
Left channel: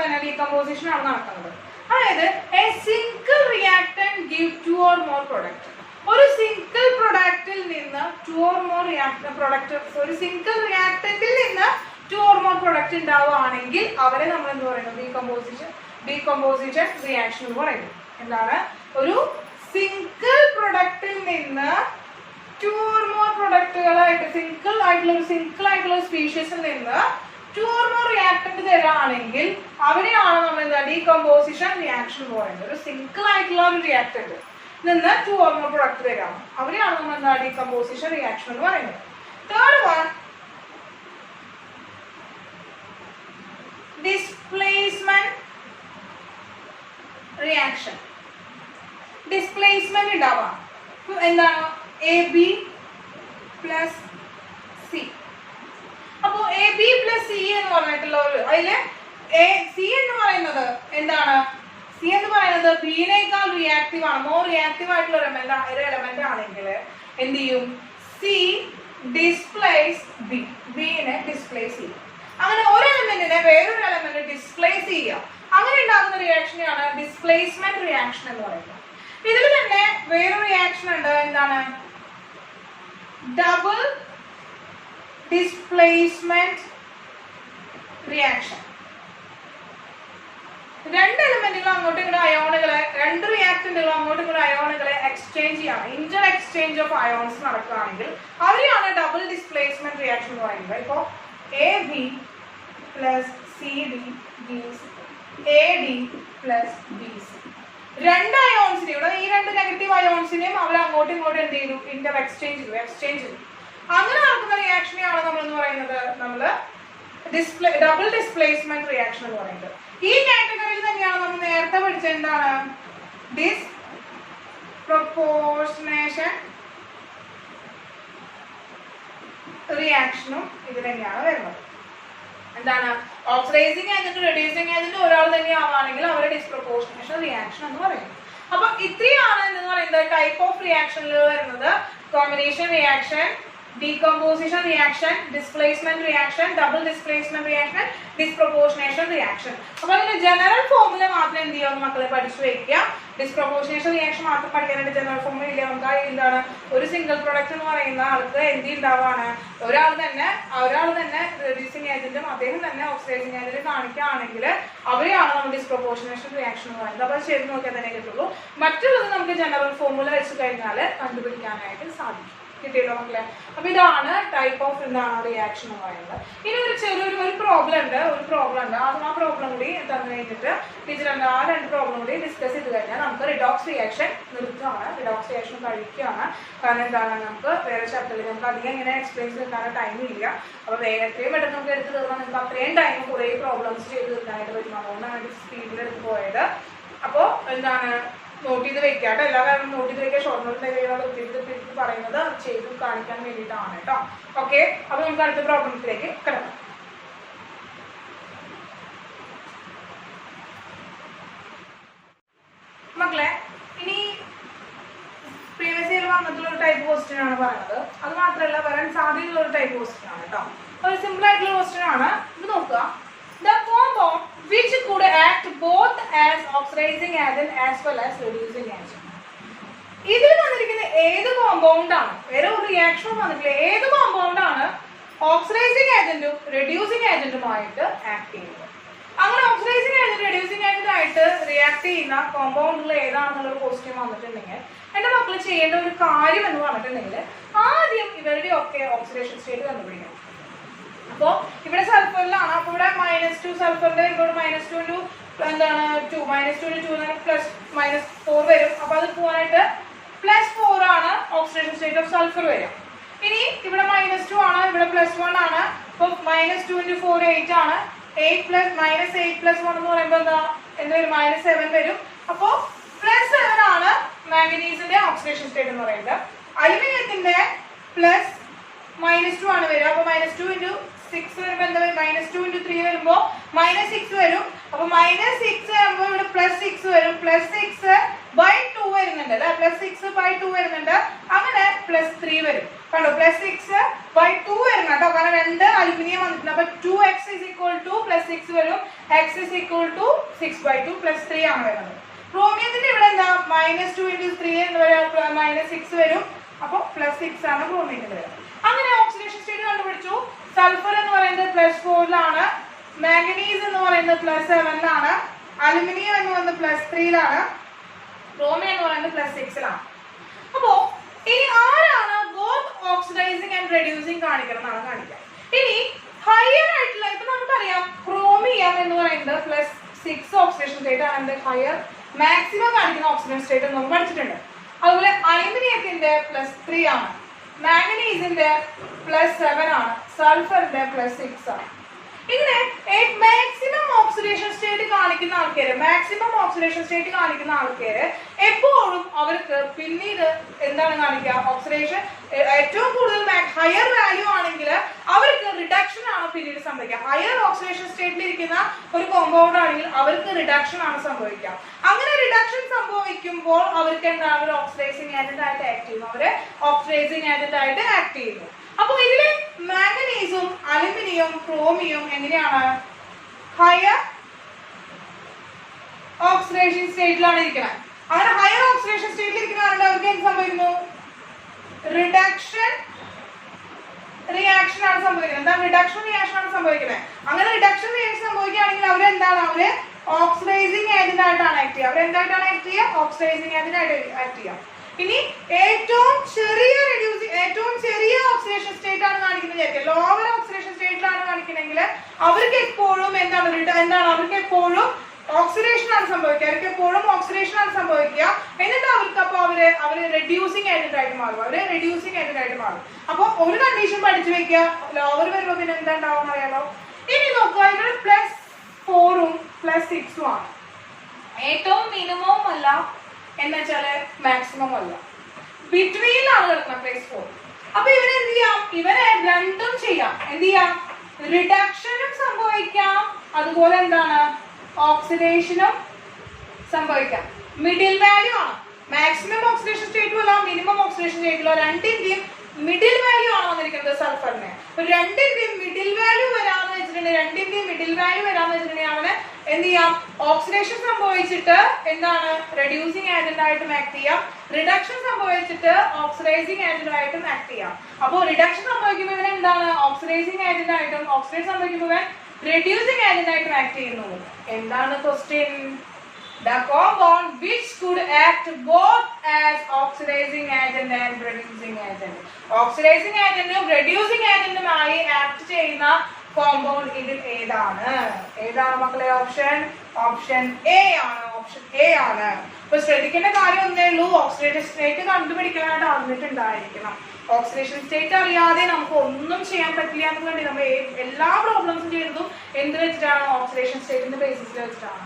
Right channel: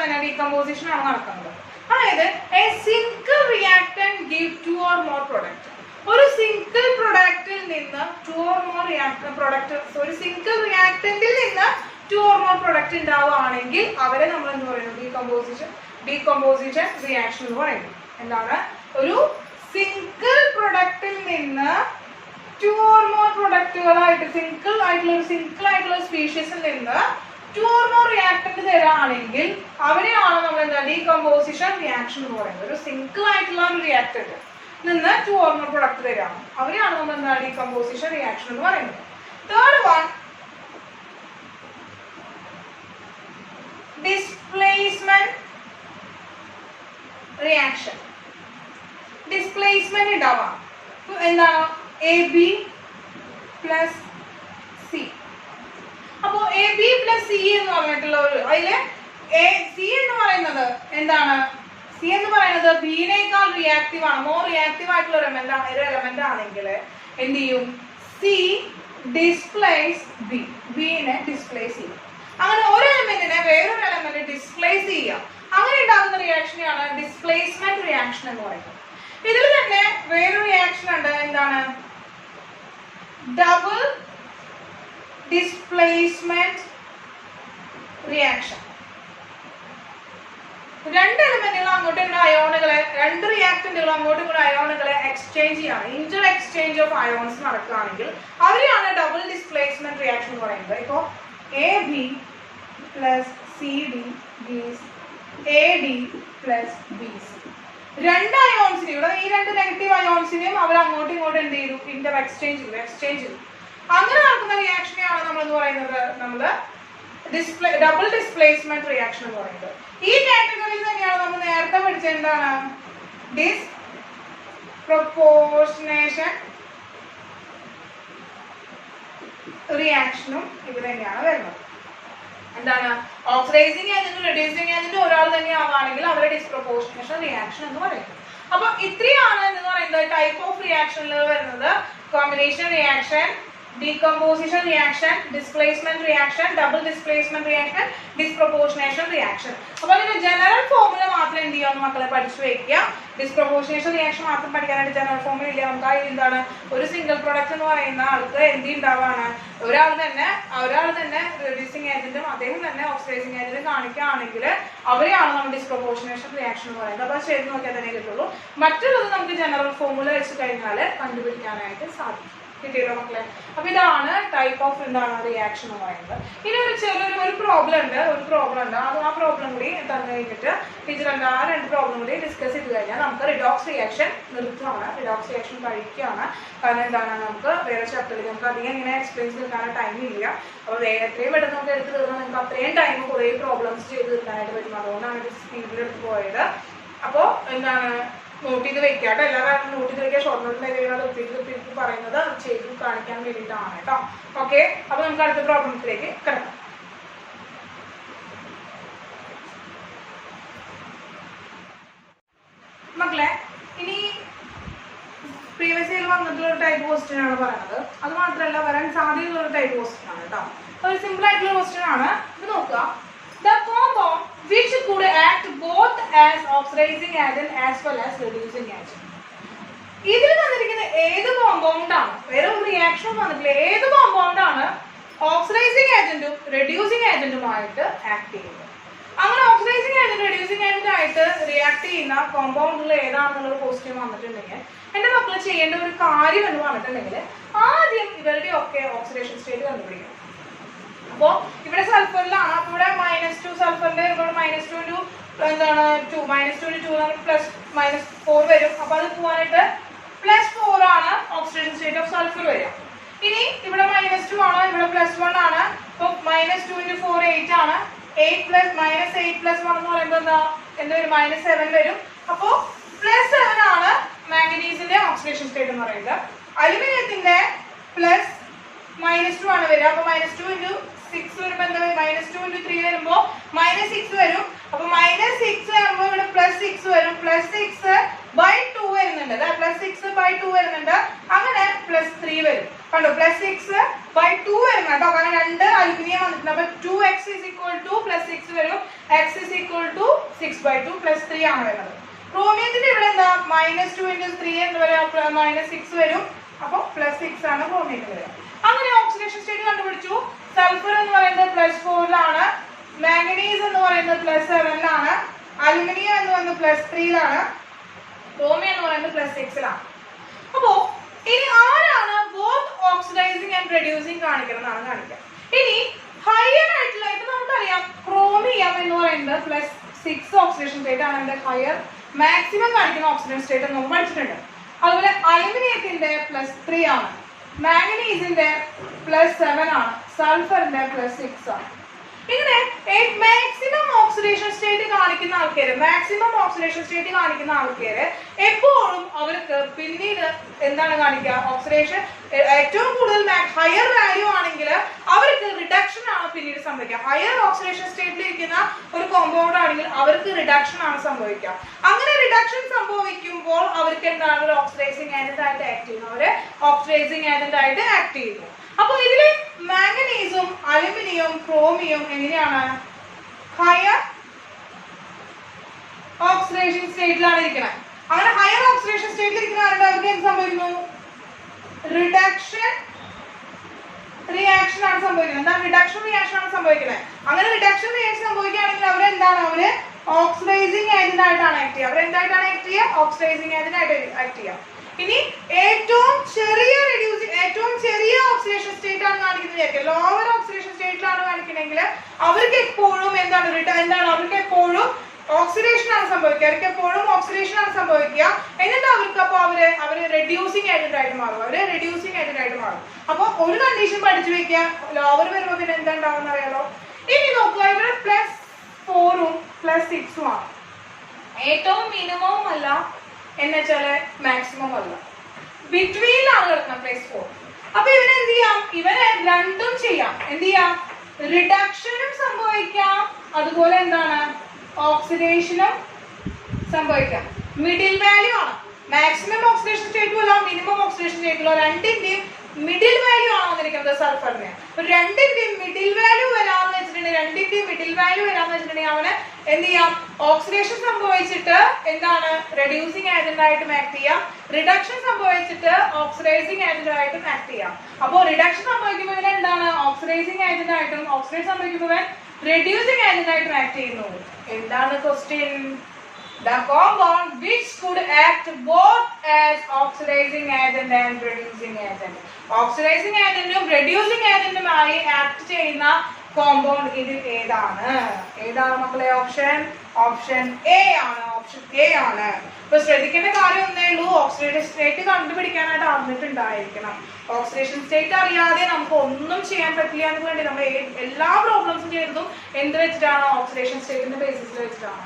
തന്നെ ഡീകമ്പോസിഷൻ ആണ് നടക്കുന്നത്. അതായത് A single reactant give 2 or more product. ഒരു സിംഗിൾ പ്രൊഡക്റ്റിൽ നിന്ന് 2 or more പ്രൊഡക്റ്റ്, ഒരു സിംഗിൾ റിയാക്ടന്റിൽ നിന്ന് 2 or more പ്രൊഡക്റ്റ് ഉണ്ടാവുകയാണെങ്കിൽ അവരെ നമ്മൾ എന്ന് പറയുന്നത് ഡീകമ്പോസിഷൻ റിയാക്ഷൻ എന്ന് പറയുന്നത്. എന്താണ്, ഒരു സിംഗിൾ പ്രൊഡക്റ്റിൽ നിന്ന് 2 or more പ്രൊഡക്റ്റുകളായിട്ട് സിംഗിൾ ആയിട്ടുള്ള സ്പീഷീസിൽ നിന്ന് 2 or more റിയാക്ടന്റ് തരാണെങ്കിൽ അവരെയാണ് നമ്മൾ എന്താ ഡീകമ്പോസിഷൻ റിയാക്ഷൻ എന്ന് പറയുന്നത്. ഒരു സിംഗിൾ ആയിട്ടുള്ള ഒരു റിയാക്ടന്റ് നിന്ന് 2 or more പ്രൊഡക്റ്റ് തരാം, അവരെയാണ് നമ്മൾ എന്താ ഡീകമ്പോസിഷൻ റിയാക്ഷൻ എന്ന് പറയുന്നത്. Third one displacement reaction. Displacement ഉണ്ടാവാം. എന്താണ്, AB പ്ലസ് C. അപ്പോ AB പ്ലസ് C എന്ന് പറഞ്ഞിട്ടുള്ള ഒരു അതില് C എന്ന് പറയുന്നത് എന്താണ്, C എന്ന് പറയുന്നത് ബിനേക്കാൾ റിയാക്റ്റീവ് ആണ്. മോർ റിയാക്റ്റീവ് ആയിട്ടുള്ള ഒരു എലമെന്റ് ആണെങ്കിൽ എന്ത് ചെയ്യും, C ഡിസ്പ്ലേസ് ബിനെ ഡിസ്പ്ലേസ് ചെയ്യും. അങ്ങനെ ഒരു എലമെന്റിനെ വേറൊരു എലമെന്റ് ഡിസ്പ്ലേസ് ചെയ്യാം. അങ്ങനെ ഉണ്ടാകുന്ന റിയാക്ഷനെയാണ് ഡിസ്പ്ലേസ്മെന്റ് റിയാക്ഷൻ എന്ന് പറയുന്നത്. ഇതിൽ തന്നെ വേറൊരു റിയാക്ഷൻ ഉണ്ട്, എന്താണ് ഡബിൾ ഡിസ്പ്ലേസ്മെന്റ് റിയാക്ഷൻ. 2 എലമെന്റുകൾ അങ്ങോട്ടും ഇങ്ങോട്ടും അയോണുകളെ, 2 റിയാക്ടന്റുകൾ അങ്ങോട്ടും ഇങ്ങോട്ടും അയോണുകളെ എക്സ്ചേഞ്ച് ചെയ്യാണ്, ഇന്റർ എക്സ്ചേഞ്ച് ഓഫ് അയോൺസ് നടക്കുകയാണെങ്കിൽ അവരെയാണ് ഡബിൾ ഡിസ്പ്ലേസ്മെന്റ് റിയാക്ഷൻ എന്ന് പറയുന്നത്. ഇപ്പോൾ AB plus CD gives AD plus BC. 2 അയോൺസിനെ ഇവിടെ ഈ 2 നെഗറ്റീവ് അയോൺസിനെയും അവർ അങ്ങോട്ടും ഇങ്ങോട്ടും എന്ത് ചെയ്തു, ഇന്റർ എക്സ്ചേഞ്ച് ചെയ്തു. അങ്ങനെ നടക്കുന്ന റിയാക്ഷനെയാണ് നമ്മൾ എന്ന് പറയുന്നത് ഡബിൾ ഡിസ്പ്ലേസ്മെന്റ് റിയാക്ഷൻ എന്ന് പറയുന്നത്. ഈ കാറ്റഗറിയിൽ തന്നെയാണ് നമ്മൾ നേരത്തെ പഠിച്ചത് എന്താണ് ഡിസ്പ്രൊപ്പോർഷനേഷൻ റിയാക്ഷനും ഇത് തന്നെയാണ് വരുന്നത്. എന്താണ്, ഓക്സിഡൈസിങ് ഏജന്റും റെഡ്യൂസിങ് ഏജന്റും ഒരാൾ തന്നെ ആവുകയാണെങ്കിൽ അവരെ ഡിസ്പ്രൊപ്പോർഷനേഷൻ റിയാക്ഷൻ എന്ന് പറയുന്നത്. അപ്പൊ ഇത്രയാണ് എന്ന് പറയുന്നത് ടൈപ്പ് ഓഫ് റിയാക്ഷനിൽ വരുന്നത്. Combination reaction, decomposition reaction, displacement reaction, double displacement reaction, disproportionation reaction. അപ്പോൾ ഇതിന്റെ ജനറൽ ഫോർമുല മാത്രം എന്ത് ചെയ്യാം മക്കളെ പഠിച്ചു വെക്കുക. ഡിസ്പ്രൊപ്പോർഷനേഷൻ റിയാക്ഷൻ മാത്രം പഠിക്കാനായിട്ട് ജനറൽ ഫോർമുല ഇല്ല. നമുക്ക് എന്താണ്, ഒരു സിംഗിൾ പ്രൊഡക്റ്റ് എന്ന് പറയുന്ന ആൾക്ക് എന്ത് ഉണ്ടാവാണ്, ഒരാൾ തന്നെ റെഡ്യൂസിങ് ഏജന്റും അദ്ദേഹം തന്നെ ഓക്സിഡൈസിങ് ഏജന്റ് കാണിക്കുകയാണെങ്കിൽ അവരെയാണ് നമ്മൾ ഡിസ്പ്രൊപ്പോർഷനേഷൻ റിയാക്ഷൻ എന്ന് പറയുന്നത്. അപ്പോൾ ശരി നോക്കിയാൽ തന്നെ കിട്ടുള്ളൂ. മറ്റുള്ളത് നമുക്ക് ജനറൽ ഫോർമുല വെച്ച് കഴിഞ്ഞാൽ കണ്ടുപിടിക്കാനായിട്ട് സാധിക്കും. കിട്ടിയല്ലോ മക്കളെ. അപ്പൊ ഇതാണ് ടൈപ്പ് ഓഫ് എന്താണ് റിയാക്ഷൻ എന്ന് പറയുന്നത്. ഇനി ഒരു ചെറിയൊരു പ്രോബ്ലം ഉണ്ട്, ആ പ്രോബ്ലം കൂടി തന്നു കഴിഞ്ഞിട്ട് ടീച്ചർ എന്താ ആ 2 പ്രോബ്ലം കൂടി ഡിസ്കസ് ചെയ്ത് കഴിഞ്ഞാൽ നമുക്ക് റിഡോക്സ് റിയാക്ഷൻ നിർത്തുകയാണ്, റിഡോക്സ് റിയാക്ഷൻ കഴിക്കുകയാണ്. കാരണം എന്താണ് നമുക്ക് വേറെ ചാപ്റ്ററിൽ നമുക്ക് അധികം ഇങ്ങനെ എക്സ്പ്ലെയിൻ ചെയ്യാൻ ടൈം ഇല്ല. അപ്പൊ എത്രയും പെട്ടെന്ന് നമുക്ക് എടുത്ത് തീർന്നാൽ നിങ്ങൾക്ക് അത്രയും ടൈം കുറേ പ്രോബ്ലംസ് ചെയ്ത് തീർക്കാനായിട്ട് പറ്റും. അതുകൊണ്ടാണ് ഇത് സ്പീഡിൽ എടുത്ത് പോയത്. അപ്പോൾ എന്താണ് നോട്ട് ചെയ്ത് വെക്കാട്ടോ, എല്ലാവരും നോട്ട് ചെയ്ത് വെക്കുക. ഷോർട്ട് നോട്ടിൽ പറയുന്നത് ചെയ്ത് കാണിക്കാൻ വേണ്ടിയിട്ടാണ് കേട്ടോ. ഓക്കെ, അപ്പൊ നമുക്ക് അടുത്ത പ്രോബ്ലത്തിലേക്ക് കിടക്കാം. മക്കളെ, ഇനി പ്രീവിയസ് ഇയർ വന്നിട്ടുള്ള ഒരു ടൈപ്പ് ക്വസ്റ്റ്യൻ ആണ് പറയുന്നത്. അത് മാത്രമല്ല വരാൻ സാധ്യതയുള്ള ഒരു ടൈപ്പ് ക്വസ്റ്റ്യൻ ആണ് കേട്ടോ. ഒരു സിമ്പിൾ ആയിട്ടുള്ള ക്വസ്റ്റ്യൻ ആണ്. ഇത് നോക്കുക. The compound which could act both as oxidizing agent as well as reducing agent. ഇതിൽ തന്നിരിക്കുന്ന ഏത് കോമ്പൗണ്ട് ആണ്, വേറെ ഒരു റിയാക്ഷൻ വന്നിട്ടില്ല, ഏത് കോമ്പൗണ്ട് ആണ് ഓക്സിഡൈസിങ് ഏജന്റും റെഡ്യൂസിങ് ഏജന്റുമായിട്ട് ആക്ട് ചെയ്യുന്നത്? അങ്ങനെ ഓക്സിഡൈസിങ് ഏജന്റ് റെഡ്യൂസിങ് ഏജന്റ് ആയിട്ട് റിയാക്ട് ചെയ്യുന്ന കോമ്പൗണ്ടുകൾ ഏതാണെന്നുള്ള ക്വസ്റ്റ്യൻ വന്നിട്ടുണ്ടെങ്കിൽ എന്റെ മക്കൾ ചെയ്യേണ്ട ഒരു കാര്യം എന്ന് പറഞ്ഞിട്ടുണ്ടെങ്കിൽ ആദ്യം ഇവരുടെ ഒക്കെ ഓക്സിഡേഷൻ സ്റ്റേറ്റ് കണ്ടുപിടിക്കണം. അപ്പോ ഇവിടെ സൾഫറിലാണ്. അപ്പൊ ഇവിടെ -2 സൾഫറിന്റെ ഇവിടെ -2 എന്താണ് 2 -2 2 +-4 വരും. അപ്പൊ അത് പോവാനായിട്ട് +4 ആണ് ഓക്സിഡേഷൻ സ്റ്റേറ്റ് ഓഫ് സൾഫർ വരിക. ഇനി ഇവിടെ -2 ആണ്, ഇവിടെ +1 ആണ്. അപ്പൊ -2 × 4 8 ആണ്. 8 + -1 എന്ന് പറയുമ്പോൾ എന്താ വരും? -7 വരും. അപ്പോ +7 ആണ് മാംഗനീസിന്റെ ഓക്സിഡേഷൻ സ്റ്റേറ്റ് എന്ന് പറയുന്നത്. അലുമിനിയത്തിന്റെ -2 ആണ് വരിക. അപ്പൊ -2 × 6 വരുമ്പോ എന്താ -2 × 3 വരുമ്പോ -6 വരും. അപ്പൊ -6 ആകുമ്പോ ഇവിടെ +6 വരും. +6/2 വരുന്നുണ്ട് അല്ലെ, +6/2 വരുന്നുണ്ട്. അങ്ങനെ +3 വരും. കണ്ടോ, +6/2 വരുന്ന കേട്ടോ. കാരണം 2 അലുമിനിയം വന്നിട്ടുണ്ട്. അപ്പൊ 2x +6 വരും. x = 6/2 +3 ആണ് വരുന്നത്. ക്രോമിയത്തിന്റെ ഇവിടെ എന്താ -2 × 3 എന്ന് വരാ -6 വരും. അപ്പൊ +6 ആണ് ക്രോമിയത്തിന്റെ വരിക. അങ്ങനെ ഓക്സിഡേഷൻ സ്റ്റേറ്റ് കണ്ടുപിടിച്ചു. സൾഫർ എന്ന് പറയുന്നത് +4 മാംഗനീസ് എന്ന് പറയുന്നത് +7 അലുമിനിയം എന്ന് പറയുന്നത് +3 ക്രോമിയം എന്ന് പറയുന്നത് +6 അപ്പോ ഇനി ആരാണ് ബോത്ത് ഓക്സിഡൈസിങ് ആൻഡ് റെഡ്യൂസിങ് കാണിക്കണം എന്നാണ് കാണിക്കുക. ഇനി ഹയർ ആയിട്ടുള്ള ഇപ്പൊ നമുക്കറിയാം ക്രോമിയം എന്ന് പറയുന്നത് +6 ഓക്സിഡേഷൻ സ്റ്റേറ്റ് ആണ് ഹയർ മാക്സിമം കാണിക്കുന്ന ഓക്സിഡേഷൻ സ്റ്റേറ്റ് നമ്മൾ പഠിച്ചിട്ടുണ്ട്. അതുപോലെ അലുമിനിയത്തിന്റെ +3 ആണ്, മാംഗനീസിന്റെ +7 ആണ്, സൾഫറിന്റെ +6 ആണ്. ഇങ്ങനെ മാക്സിമം ഓക്സിഡേഷൻ സ്റ്റേറ്റ് കാണിക്കുന്ന ആൾക്കാര് എപ്പോഴും അവർക്ക് പിന്നീട് എന്താണ് കാണിക്കുക? ഓക്സിഡേഷൻ ഏറ്റവും കൂടുതൽ ഹയർ വാല്യൂ ആണെങ്കിൽ അവർക്ക് റിഡക്ഷൻ ആണ് പിന്നീട് സംഭവിക്കുക. ഹയർ ഓക്സിഡേഷൻ സ്റ്റേറ്റിൽ ഇരിക്കുന്ന ഒരു കോമ്പൗണ്ട് ആണെങ്കിൽ അവർക്ക് റിഡക്ഷൻ ആണ് സംഭവിക്കുക. അങ്ങനെ റിഡക്ഷൻ സംഭവിക്കുമ്പോൾ അവർക്ക് എന്താണ് ഒരു ഓക്സിഡൈസിങ് ഏജന്റ് ആയിട്ട് ആക്ട് ചെയ്യുന്നു. അപ്പൊ ഇതില് മാംഗനീസും അലുമിനിയം ക്രോമിയം എങ്ങനെയാണ്? ഹയർ ഓക്സിഡേഷൻ സ്റ്റേറ്റിലാണ് ഇരിക്കുന്നത്. അങ്ങനെ ഹയർ ഓക്സിഡേഷൻ സ്റ്റേറ്റിൽ ഇരിക്കുന്നവരുടെ അവർക്ക് എന്ത് സംഭവിക്കുന്നു? റിഡക്ഷൻ റിയാക്ഷൻ ആണ് സംഭവിക്കുന്നത്. എന്താ റിഡക്ഷൻ റിയാക്ഷൻ ആണ് സംഭവിക്കുന്നത്? അങ്ങനെ റിഡക്ഷൻ റിയാക്ഷൻ സംഭവിക്കുകയാണെങ്കിൽ അവരെന്താണ്? അവര് ഓക്സിഡൈസിങ് ഏജന്റ് ആയിട്ടാണ് ആക്ട് ചെയ്യുക. അവരെന്തായിട്ടാണ് ആക്ട് ചെയ്യുക? ഓക്സിഡൈസിങ് ഏജന്റ് ആയിട്ട് ആക്ട് ചെയ്യുക. ഇനി ഏറ്റവും ചെറിയ ഓക്സിഡേഷൻ സ്റ്റേറ്റ് ആണ് കാണിക്കുന്നത്, ലോവർ ഓക്സിഡേഷൻ സ്റ്റേറ്റിലാണ് കാണിക്കണമെങ്കിൽ അവർക്ക് എപ്പോഴും അവർക്ക് എപ്പോഴും ഓക്സിഡേഷൻ ആണ് സംഭവിക്കുക. എന്നിട്ട് അവർക്ക് അപ്പൊ അവര് റെഡ്യൂസിങ് ഏജന്റ് ആയിട്ട് മാറും. അപ്പൊ ഒരു കണ്ടീഷൻ പഠിച്ചു വെക്കുക, ലോവർ വരുമ്പോ പിന്നെ എന്താ ഉണ്ടാവുന്ന അറിയാലോ. ഇനി നോക്കുക, ഇവിടെ +4 +6 ആണ്. ഏറ്റവും മിനിമവും അല്ല എന്നുവെച്ചാല് മാക്സിമം അല്ല, ബിറ്റ്വീനിലാണ് കിടക്കുന്നത് +4. അപ്പൊ ഇവരെന്ത് ചെയ്യാം? ഇവരെ രണ്ടും ചെയ്യാം. എന്ത് ചെയ്യാം? റിഡക്ഷനും സംഭവിക്കാം, അതുപോലെ എന്താണ് ഓക്സിഡേഷനും സംഭവിക്കാം. മിഡിൽ വാല്യൂ ആണ്. മാക്സിമം ഓക്സിഡേഷൻ സ്റ്റേറ്റും അല്ല, മിനിമം ഓക്സിഡേഷൻ സ്റ്റേറ്റും അല്ല, രണ്ടിന്റെയും മിഡിൽ വാല്യൂ ആണ് വന്നിരിക്കുന്നത് സൾഫറിന്. രണ്ടിന്റെയും മിഡിൽ വാല്യൂ വരാന്ന് വെച്ചിട്ടുണ്ടെങ്കിൽ അവന് എന്ത് ചെയ്യാം? ഓക്സിഡേഷൻ സംഭവിച്ചിട്ട് എന്താണ് റെഡ്യൂസിങ് ഏജന്റ് ആയിട്ട് ആക്ട് ചെയ്യാം, റിഡക്ഷൻ സംഭവിച്ചിട്ട് ഓക്സിഡൈസിങ് ഏജന്റ് ആയിട്ടും ആക്ട് ചെയ്യാം. അപ്പോൾ റിഡക്ഷൻ സംഭവിക്കുമ്പോൾ എന്താണ് ഓക്സിഡൈസിങ് ഏജന്റ് ആയിട്ടും, ഓക്സിഡേഷൻ സംഭവിക്കുമ്പോൾ റെഡ്യൂസിങ് ഏജന്റ് ആയിട്ടും ആക്ട് ചെയ്യുന്നു. എന്താണ് question? The compound which could act both as oxidizing agent and reducing agent. Oxidizing agent ഉം reducing agent ഉമായി ആക്ട് ചെയ്യുന്ന കോമ്പൗണ്ട് ഇത് ഏതാണ്? ഏതാണ് മക്കളെ? ഓപ്ഷൻ എ ആണ്. ഓപ്ഷൻ എ ആണ്. ഇപ്പൊ ശ്രദ്ധിക്കേണ്ട കാര്യം ഒന്നേ ഉള്ളൂ, ഓക്സിഡേഷൻ സ്റ്റേറ്റ് കണ്ടുപിടിക്കാനായിട്ട് അറിഞ്ഞിട്ടുണ്ടായിരിക്കണം. ഓക്സിഡേഷൻ സ്റ്റേറ്റ് അറിയാതെ നമുക്ക് ഒന്നും ചെയ്യാൻ പറ്റില്ല എന്ന് വേണ്ടി നമ്മൾ എല്ലാ പ്രോബ്ലംസും ചെയ്തതും എന്ത് വെച്ചിട്ടാണ്? ഓക്സിഡേഷൻ സ്റ്റേറ്റിന്റെ ബേസിസിൽ വെച്ചിട്ടാണ്.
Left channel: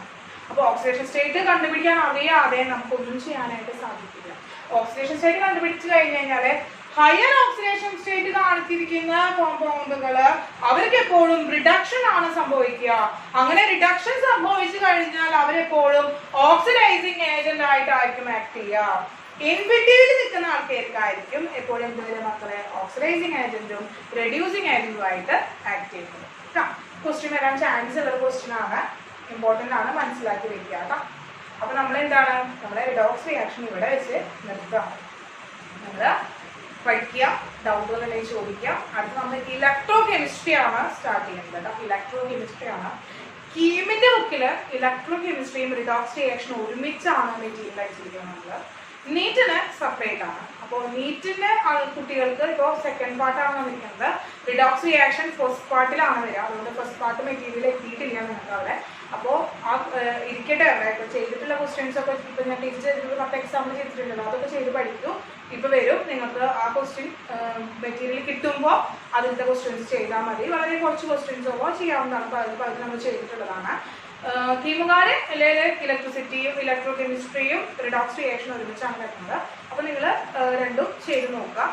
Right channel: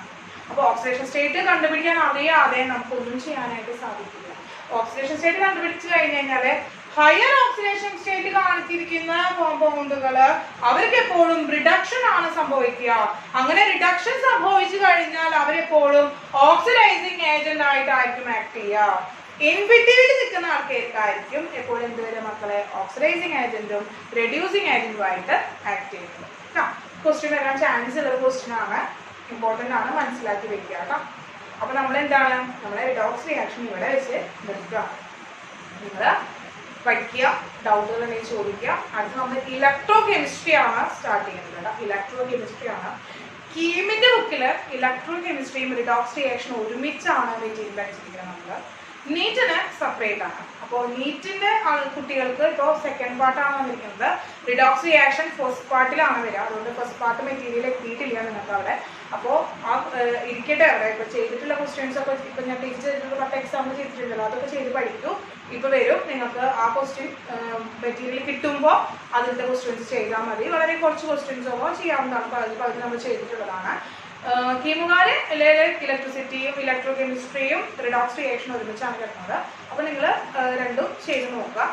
അപ്പൊ ഓക്സിഡേഷൻ സ്റ്റേറ്റ് കണ്ടുപിടിക്കാൻ അറിയാതെ നമുക്ക് ഒന്നും ചെയ്യാനായിട്ട് സാധിക്കില്ല. ഓക്സിഡേഷൻ സ്റ്റേറ്റ് കണ്ടുപിടിച്ചു കഴിഞ്ഞു കഴിഞ്ഞാല് ഹയർ ഓക്സിഡേഷൻ സ്റ്റേറ്റ് കാണിച്ചിരിക്കുന്ന കോമ്പൗണ്ടുകള് അവർക്ക് എപ്പോഴും റിഡക്ഷൻ ആണ് സംഭവിക്കുക. അങ്ങനെ റിഡക്ഷൻ സംഭവിച്ചു കഴിഞ്ഞാൽ അവരെപ്പോഴും ഓക്സിഡൈസിങ് ഏജന്റ് ആയിട്ടായിരിക്കും ആക്ട് ചെയ്യുക. ഇൻബിറ്റ്വീനിൽ നിൽക്കുന്ന ആൾക്കാർക്കായിരിക്കും എപ്പോഴും എന്തുവരെ മക്കളെ? ഓക്സിഡൈസിങ് ഏജന്റും റെഡ്യൂസിങ് ഏജന്റും ആയിട്ട് ആക്ട് ചെയ്യുന്നത്. ക്വസ്റ്റ്യൻ വരാൻ ചാൻസ് ഉള്ള ക്വസ്റ്റ്യൻ ആണ്, ഇമ്പോർട്ടന്റ് ആണ്, മനസ്സിലാക്കി വെക്കുക കേട്ടോ. അപ്പൊ നമ്മൾ എന്താണ്? നമ്മളെ റിഡോക്സ് റിയാക്ഷൻ ഇവിടെ വെച്ച് നിർത്തുക. നിങ്ങൾ പഠിക്കുക, ഡൗട്ടുകൾ ഉണ്ടെങ്കിൽ ചോദിക്കുക. അടുത്ത് നമ്മൾ ഇലക്ട്രോ കെമിസ്ട്രി ആണ് സ്റ്റാർട്ട് ചെയ്യുന്നത് കേട്ടോ. ഇലക്ട്രോ കെമിസ്ട്രി ആണ്. കീമിന്റെ ബുക്കില് ഇലക്ട്രോ കെമിസ്ട്രിയും റിഡോക്സ് റിയാക്ഷൻ ഒരുമിച്ചാണ് മെറ്റീരിയൽ അടിച്ചിരിക്കുന്നത്. നമ്മള് നീറ്റിന് സെപ്പറേറ്റ് ആണ്. അപ്പോൾ നീറ്റിന്റെ കുട്ടികൾക്ക് ഇപ്പോൾ സെക്കൻഡ് പാർട്ടാണ് വന്നിരിക്കുന്നത്. റിഡോക്സ് റിയാക്ഷൻ ഫസ്റ്റ് പാർട്ടിലാണ് വരിക. അതുകൊണ്ട് ഫസ്റ്റ് പാർട്ട് മെറ്റീരിയൽ എത്തിയിട്ടില്ല നിങ്ങൾക്ക് അവിടെ. അപ്പോൾ ആ ഇരിക്കട്ടെ അവിടെ. ഇപ്പൊ ചെയ്തിട്ടുള്ള ക്വസ്റ്റ്യൻസ് ഒക്കെ ഇപ്പൊ ഞാൻ ടീച്ചർ ചെയ്തിട്ട് 10 എക്സാമ്പിൾ ചെയ്തിട്ടുണ്ടല്ലോ, അതൊക്കെ ചെയ്ത് പഠിക്കൂ. ഇപ്പൊ വരും നിങ്ങൾക്ക് ആ ക്വസ്റ്റ്യൻ മെറ്റീരിയൽ കിട്ടുമ്പോൾ അതിന്റെ ക്വസ്റ്റ്യൻസ് ചെയ്താൽ മതി. വളരെ കുറച്ച് ക്വസ്റ്റ്യൻസ് ഒക്കെ ചെയ്യാവുന്നതാണ്. പലത് നമ്മൾ ചെയ്തിട്ടുള്ളതാണ്. തീമുകാര് ഇലക്ട്രിസിറ്റിയും ഇലക്ട്രോ കെമിസ്ട്രിയും റിഡോക്സ് റിയാക്ഷൻ ഒരുമിച്ചാണ് കിട്ടുന്നത്. അപ്പൊ നിങ്ങൾ രണ്ടും ചെയ്ത് നോക്കുക.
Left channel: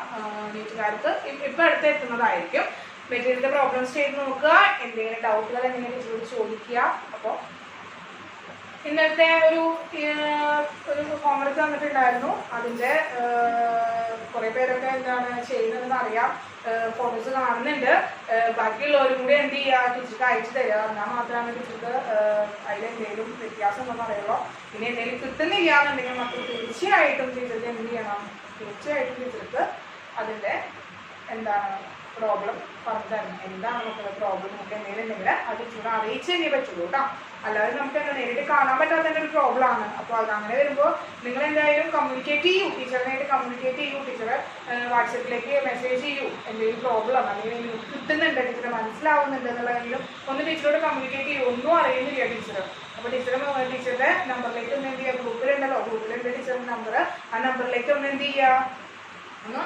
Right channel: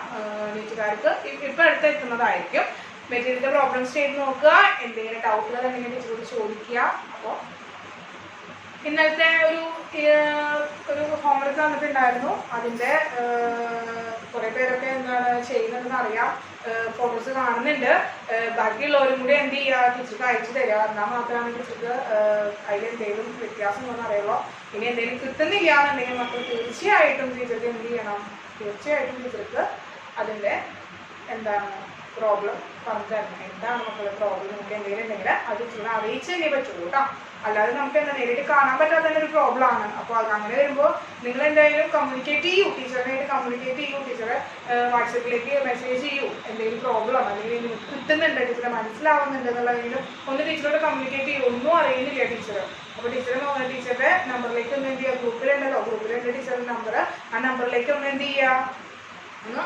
നീറ്റുകാർക്ക് ഇപ്പൊ അടുത്ത് എത്തുന്നതായിരിക്കും. മെറ്റീരിയലിന്റെ പ്രോബ്ലംസ് ചെയ്ത് നോക്കുക. എന്തെങ്കിലും ഡൗട്ടുകൾ എന്തെങ്കിലും ചോദിക്കുക. അപ്പോൾ ഇന്നലത്തെ ഒരു ഹോംവർക്ക് തന്നിട്ടുണ്ടായിരുന്നു. അതിന്റെ കുറെ പേരൊക്കെ എന്താണ് ചെയ്യുന്നതെന്ന് അറിയാം. ഫോട്ടോസ് കാണുന്നുണ്ട്. ബാക്കിയുള്ളവരും കൂടെ എന്ത് ചെയ്യുക? ടീച്ചർക്ക് അയച്ചു തരിക. എന്നാൽ മാത്രമാണ് ടീച്ചർക്ക് അതിലെന്തെങ്കിലും വ്യത്യാസം ഒന്നും അറിയുള്ളൂ. ഇനി എന്തെങ്കിലും കിട്ടുന്നില്ല എന്നുണ്ടെങ്കിൽ മക്കൾ തീർച്ചയായിട്ടും ടീച്ചർക്ക് എന്ത് ചെയ്യണം? തീർച്ചയായിട്ടും ടീച്ചർക്ക് അതിന്റെ എന്താണ് പ്രോബ്ലം പറഞ്ഞു തരണം. എന്താണ് മക്കളുടെ പ്രോബ്ലം നമുക്ക് എന്തെങ്കിലും ഉണ്ടെങ്കിൽ അത് ടീച്ചറെ അറിയിച്ചു തന്നെ പറ്റുള്ളൂ കേട്ടോ. അല്ലാതെ നമുക്ക് എന്താ നേരിട്ട് കാണാൻ പറ്റാത്തതിന്റെ ഒരു പ്രോബ്ലം ആണ്. അപ്പോൾ അത് അങ്ങനെ വരുമ്പോൾ നിങ്ങൾ എന്തായാലും കമ്മ്യൂണിക്കേറ്റ് ചെയ്യൂ, ടീച്ചറിനായിട്ട് കമ്മ്യൂണിക്കേറ്റ് ചെയ്യൂ. ടീച്ചറെ വാട്സപ്പിലേക്ക് മെസ്സേജ് ചെയ്യൂ. എന്തെങ്കിലും പ്രോബ്ലം ആണ് അല്ലെങ്കിൽ നിങ്ങൾക്ക് കിട്ടുന്നുണ്ട്, ടീച്ചറെ മനസ്സിലാവുന്നുണ്ട് എന്നുള്ളതെങ്കിലും ഒന്ന് ടീച്ചറോട് കമ്മ്യൂണിക്കേറ്റ് ചെയ്യൂ. ഒന്നും അറിയുന്നില്ല ടീച്ചർ. അപ്പോൾ ടീച്ചറുടെ നമ്പറിലേക്ക് ഒന്ന് എന്ത് ചെയ്യുക? ഗ്രൂപ്പിലുണ്ടല്ലോ, ഗ്രൂപ്പിലുണ്ട് ടീച്ചറുടെ നമ്പർ. ആ നമ്പറിലേക്ക് ഒന്ന് എന്ത് ചെയ്യുക? ഒന്ന്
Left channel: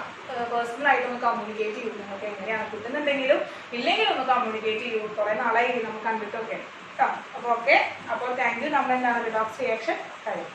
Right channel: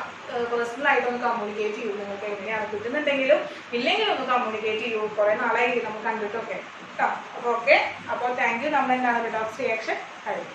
പേഴ്സണൽ ആയിട്ട് ഒന്ന് കമ്മ്യൂണിക്കേറ്റ് ചെയ്യൂ. നിങ്ങൾക്ക് എങ്ങനെയാണ് കിട്ടുന്നുണ്ടെങ്കിലും ഇല്ലെങ്കിലും ഒന്ന് കമ്മ്യൂണിക്കേറ്റ് ചെയ്യൂ. കുറെ നാളായി നമുക്ക് കണ്ടിട്ടൊക്കെ കേട്ടോ. അപ്പോൾ ഓക്കെ. അപ്പോൾ താങ്ക് യു. നമ്മൾ എന്താണ് റിഡോക്സ് റിയാക്ഷൻ കഴിയും.